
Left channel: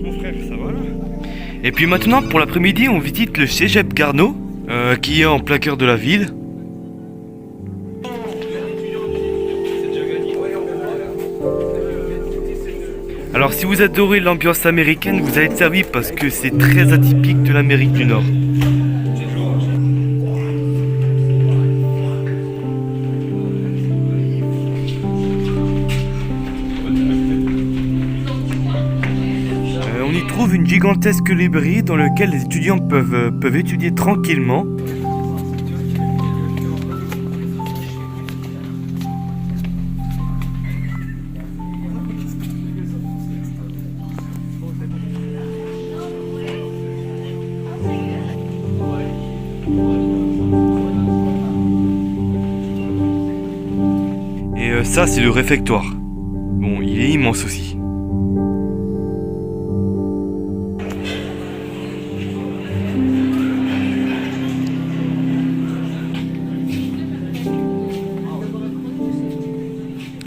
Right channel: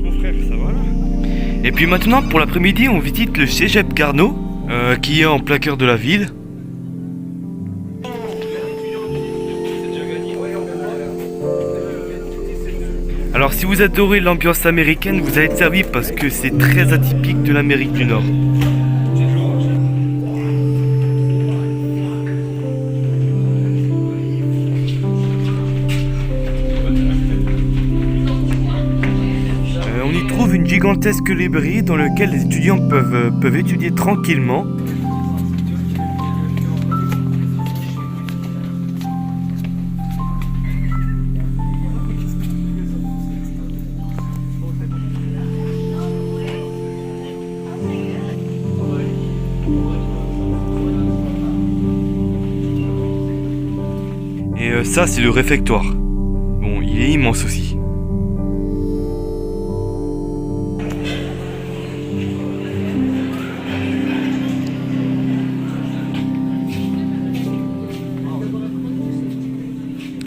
Mon frère, ça va là? Et puis maintenant, pour l'après-midi, on visite le Cégep Garneau, qui est en plein cœur de la ville. Alors si vous adorez l'ambiance américaine, vous allez être servi parce que c'est très atypique de l'Amérique du Nord. On y trouve une gigantesque librairie dans laquelle les étudiants peuvent étudier tranquillement. Et ça, c'est le réfectoire. Bon, il est immense aussi.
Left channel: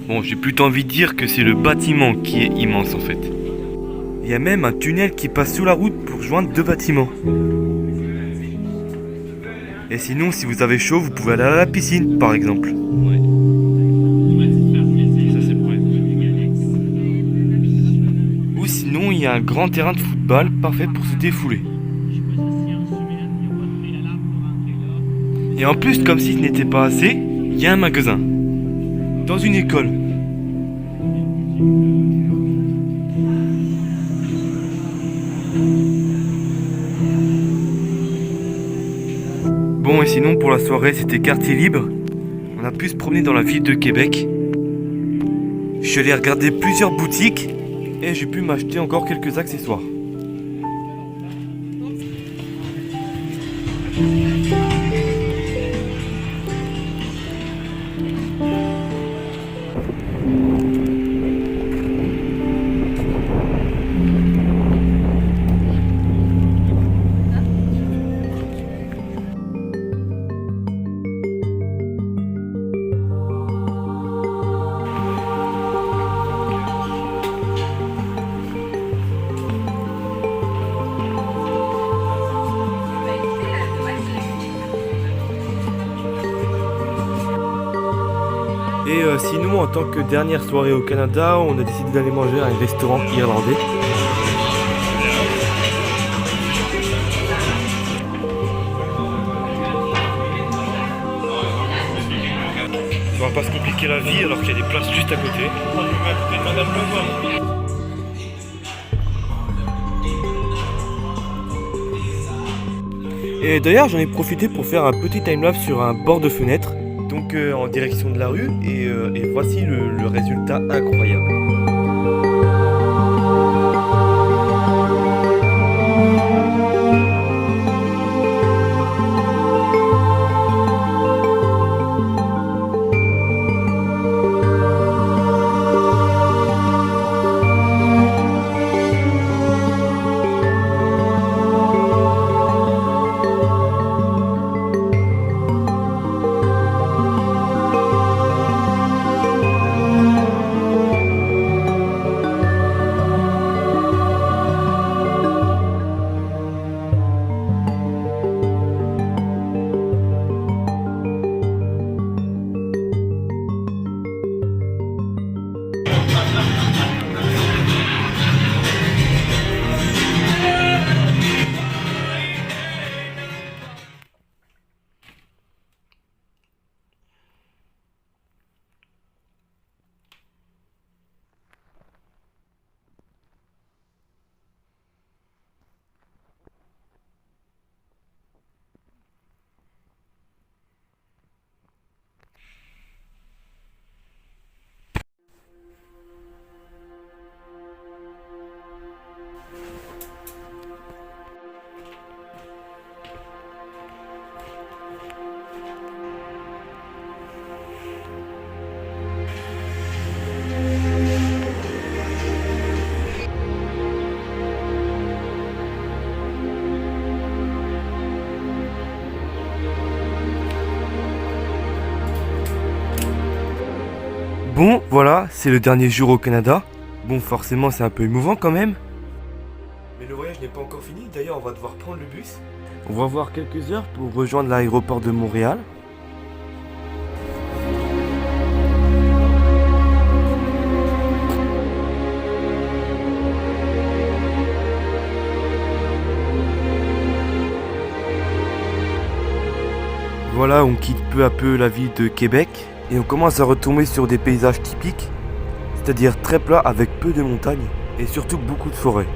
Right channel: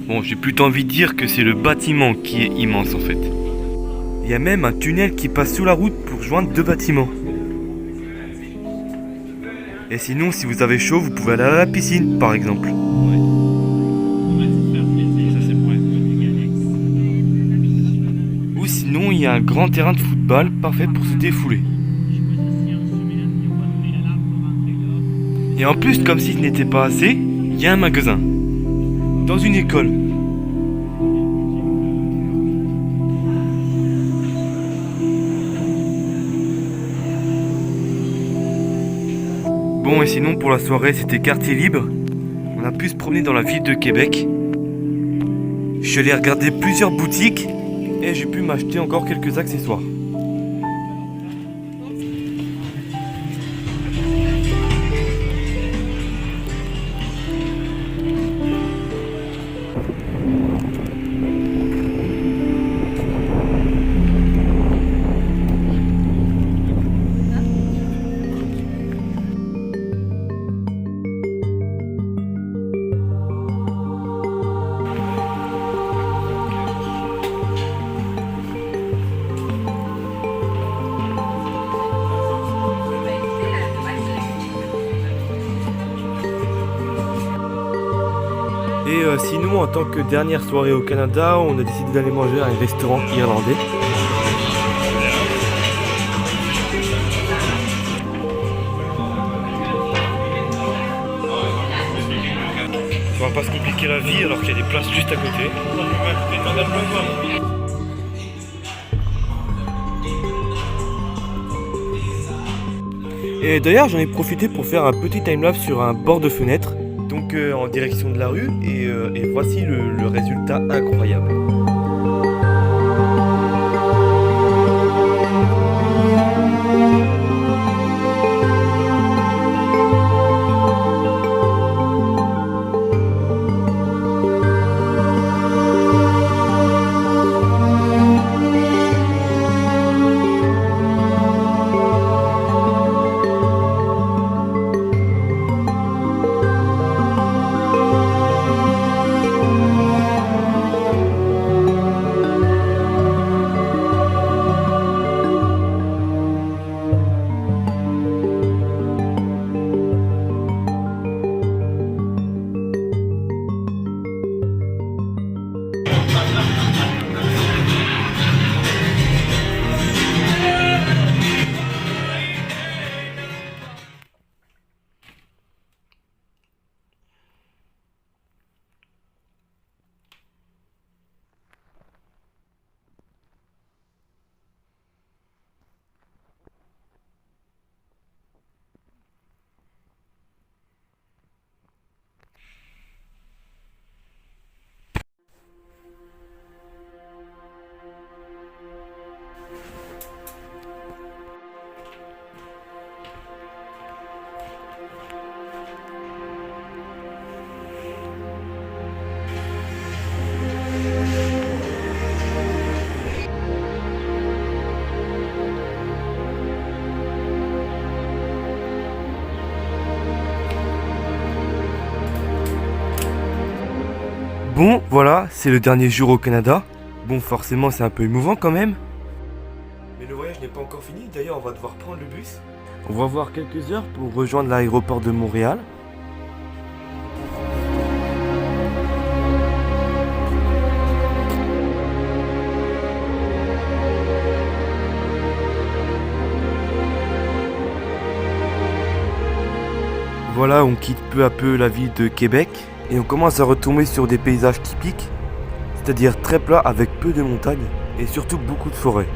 Bon, j'ai plutôt envie de dire que c'est le bâtiment qui est immense en fait. Il y a même un tunnel qui passe sous la route pour joindre deux bâtiments. Et sinon, si vous avez chaud, vous pouvez aller à la piscine par exemple. Ou sinon, il y a un grand terrain de football parfait pour se défouler. Et en plus, comme si ce n'était pas assez, il y a un magasin. Dans une école. Bon, et sinon pour la soirée c'était quartier libre. On a pu se promener dans la ville de Québec. Je suis allé regarder plusieurs boutiques et j'ai pu m'acheter encore quelques accessoires. Et sinon, en tant que dernière soirée au Canada, on a décidé d'aller manger à un restaurant irlandais. On va pas se compliquer la vie alors qu'il y a des places juste à côté. Et d'ailleurs j'en ai profité pour faire un petit timelapse sur un bord de fenêtre, donc en direction de la rue, et voici le résultat incroyable. Bon, voilà, c'est le dernier jour au Canada. Bon, forcément, c'est un peu émouvant quand même. Mais le voyage n'est pas encore fini. D'ailleurs, on va devoir prendre le bus. On va avoir quelques heures pour rejoindre l'aéroport de Montréal. Voilà, on quitte peu à peu la ville de Québec. Et on commence à retomber sur des paysages typiques, c'est-à-dire très plats avec peu de montagnes et surtout beaucoup de forêts.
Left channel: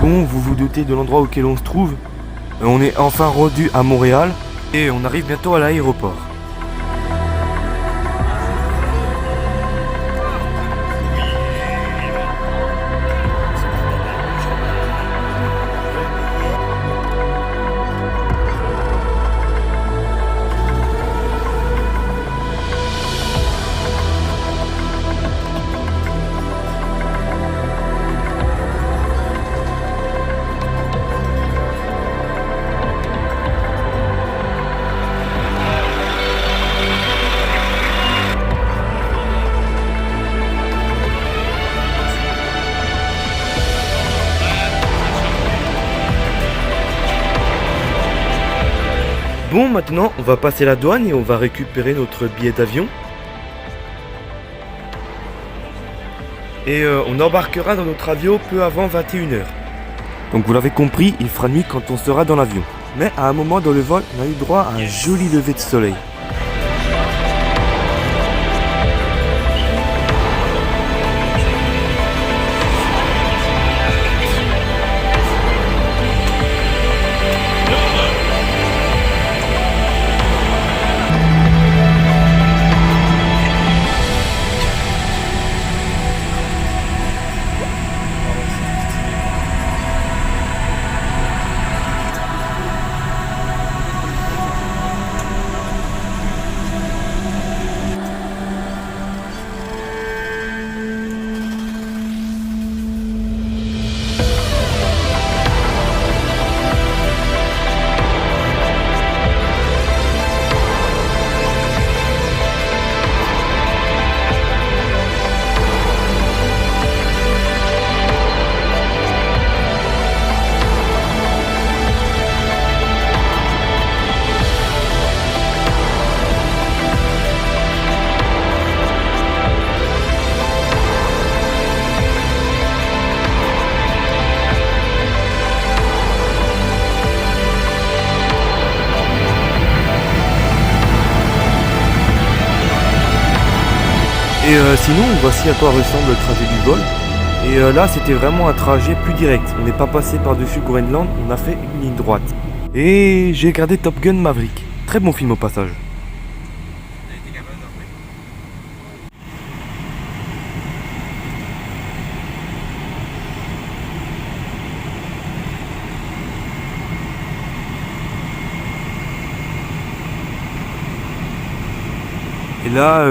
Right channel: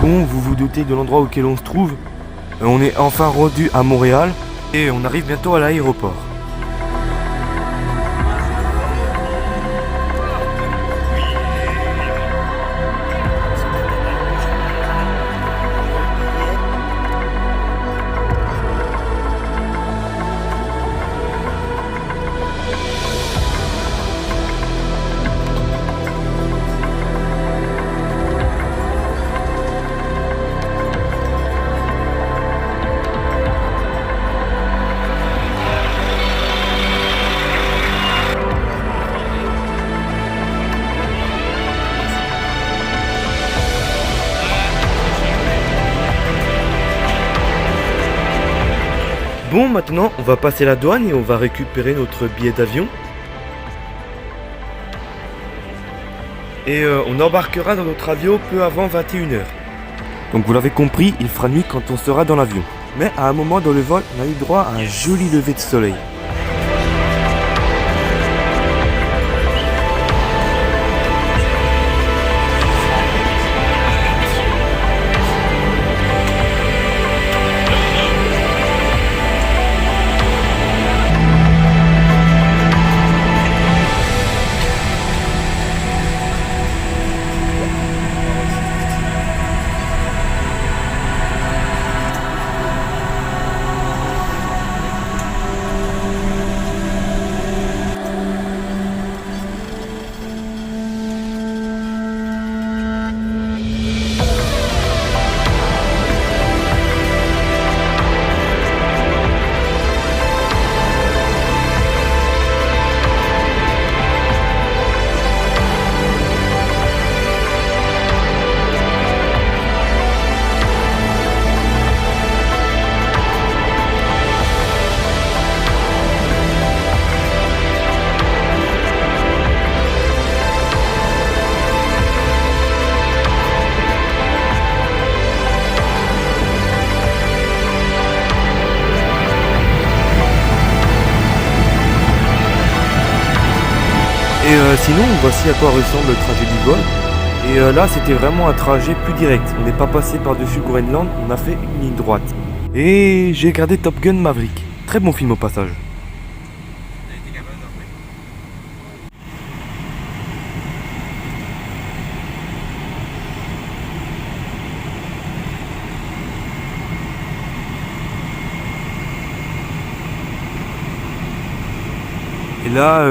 Bon, vous vous doutez de l'endroit auquel on se trouve. On est enfin rendu à Montréal et on arrive bientôt à l'aéroport. Bon, maintenant, on va passer la douane et on va récupérer notre billet d'avion. Et on embarquera dans notre avion peu avant 21h. Donc vous l'avez compris, il fera nuit quand on sera dans l'avion. Mais à un moment dans le vol, on a eu droit à un joli lever de soleil. Et sinon, voici à quoi ressemble le trajet du vol. Et là, c'était vraiment un trajet plus direct. On n'est pas passé par-dessus Groenland, on a fait une ligne droite. Et j'ai regardé Top Gun Maverick. Très bon film au passage. Et là,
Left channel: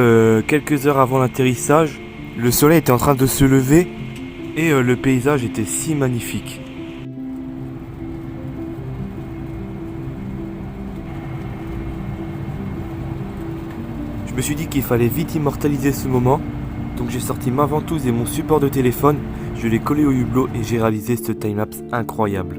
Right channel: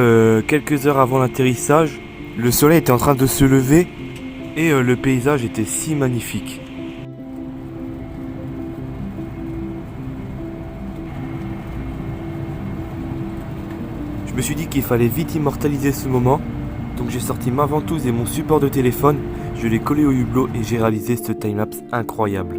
quelques heures avant l'atterrissage, le soleil était en train de se lever et le paysage était si magnifique. Je me suis dit qu'il fallait vite immortaliser ce moment, donc j'ai sorti ma ventouse et mon support de téléphone, je l'ai collé au hublot et j'ai réalisé ce timelapse incroyable.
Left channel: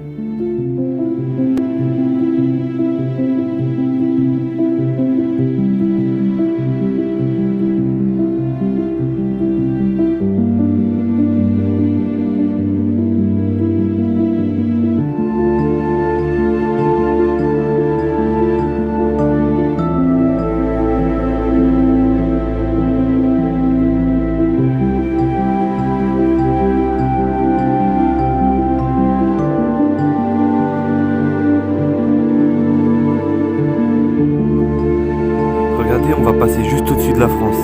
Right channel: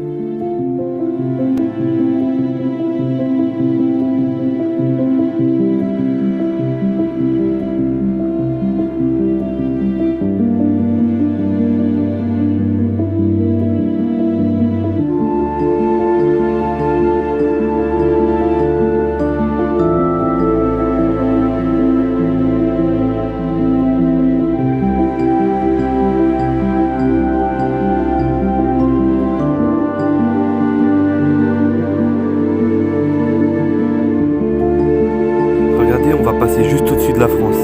Regardez, on va passer juste au-dessus de la France.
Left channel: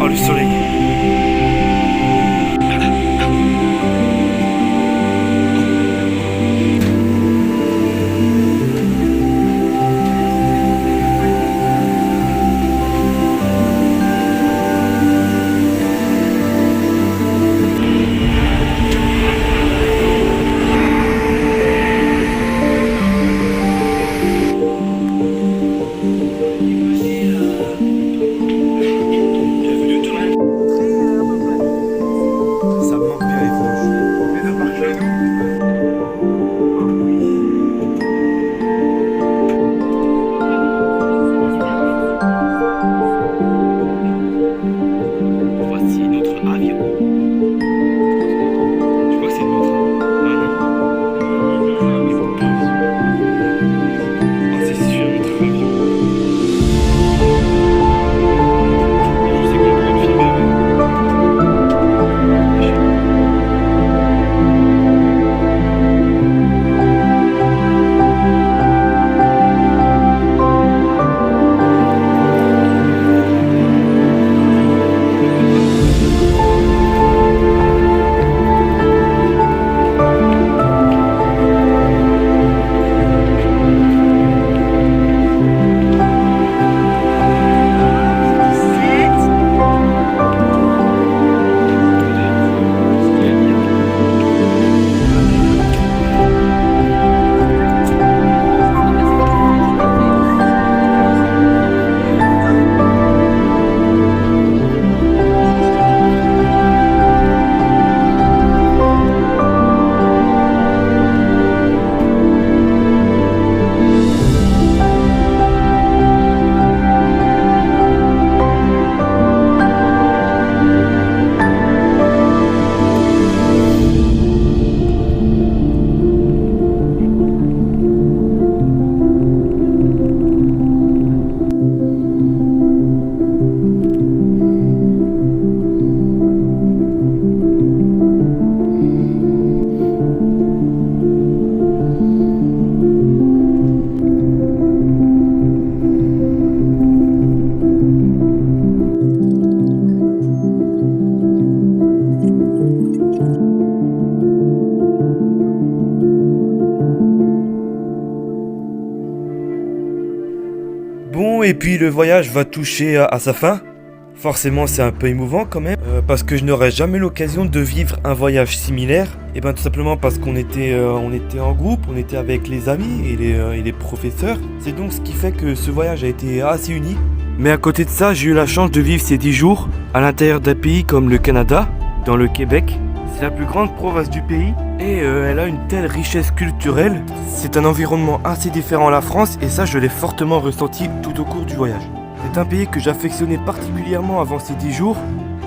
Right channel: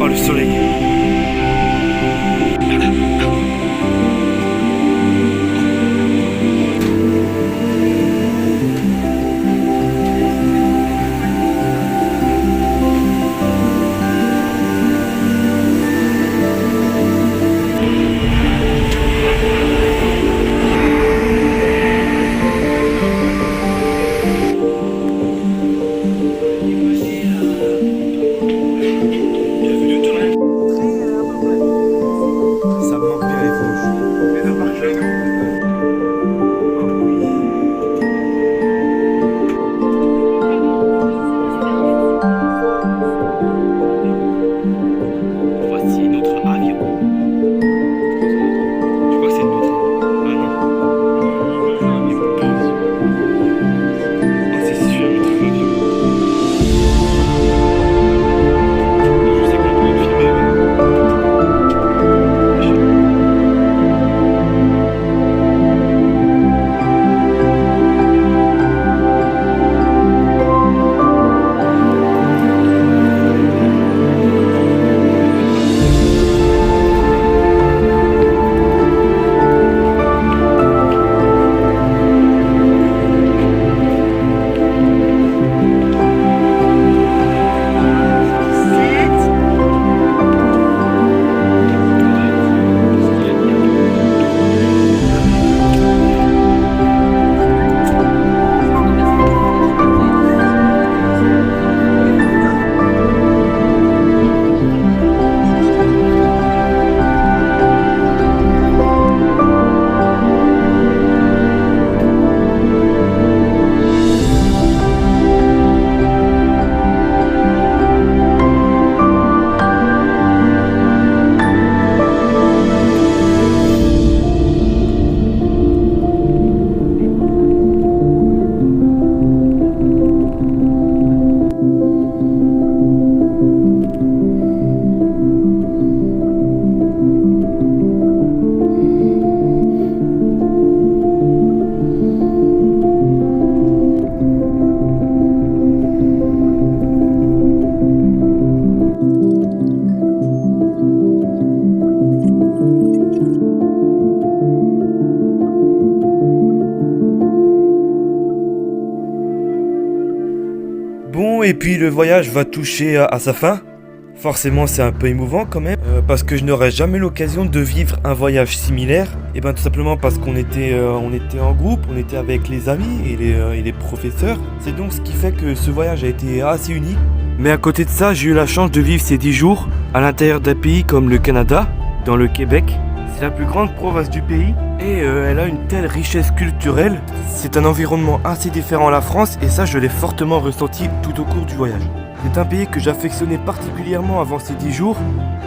Oh, le soleil! Ça me manque bien les Vosges. Mais de par chez nous. Voici notre avion. Je crois que c'est le nôtre. Ah non. Il faut pause. Oh, c'est sûr, notre avion. Je sais qu'on a besoin de filmer, mais... Bon, et puis le voyage va toucher à sa fin. Forcément, c'est un peu émouvant quand même, parce que je n'aurais jamais l'occasion de vivre un voyage similaire. Et bien tout simplement parce qu'on était en groupe, on était avec les amis et les professeurs. C'est donc ce qui fait que ce voyage a été assez unique. Mais à côté de ça, j'ai eu la chance de vivre ces 10 jours à l'intérieur d'un pays comme le Canada, dans le Québec. C'est la plus grande province du pays et elle a une telle richesse culturelle. C'est un environnement assez différent à la France et ça je l'ai fortement ressenti tout au cours du voyage. C'est un pays que j'affectionnais particulièrement avant ces 10 jours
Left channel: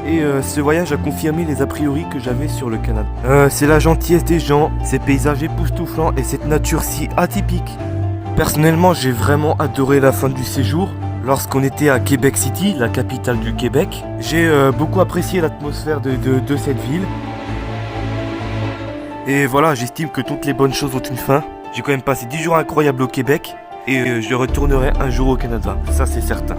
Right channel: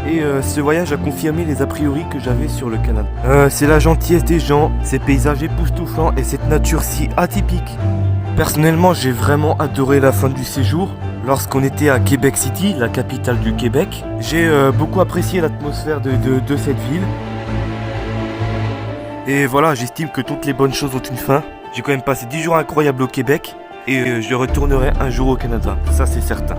et ce voyage a confirmé les a priori que j'avais sur le Canada. C'est la gentillesse des gens, ces paysages époustouflants et cette nature si atypique. Personnellement j'ai vraiment adoré la fin du séjour. Lorsqu'on était à Québec City, la capitale du Québec, j'ai beaucoup apprécié l'atmosphère de cette ville. Et voilà, j'estime que toutes les bonnes choses ont une fin. J'ai quand même passé 10 jours incroyables au Québec et je retournerai un jour au Canada, ça c'est certain.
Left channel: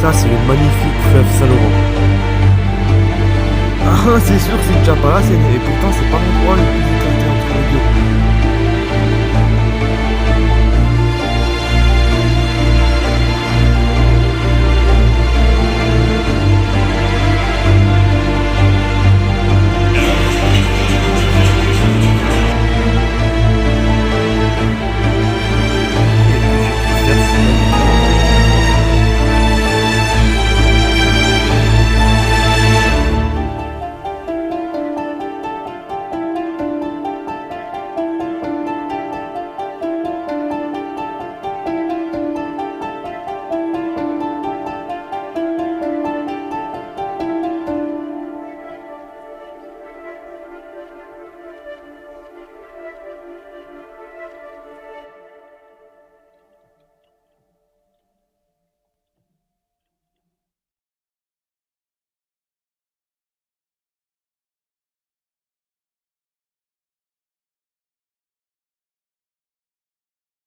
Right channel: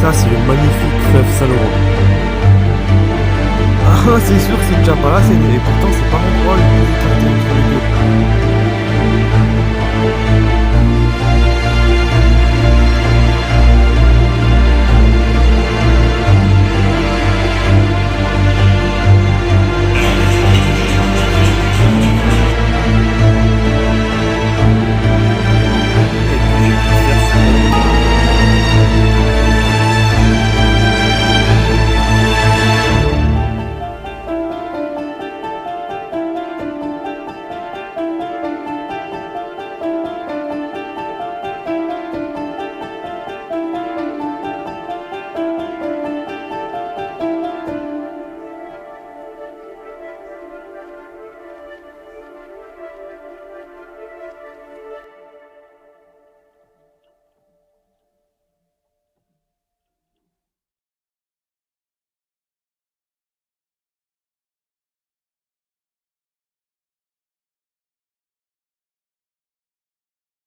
Ça c'est le magnifique fleuve Saint-Laurent. Ah c'est sûr que c'est déjà pas là, et pourtant c'est pas l'endroit le plus écarté entre les deux.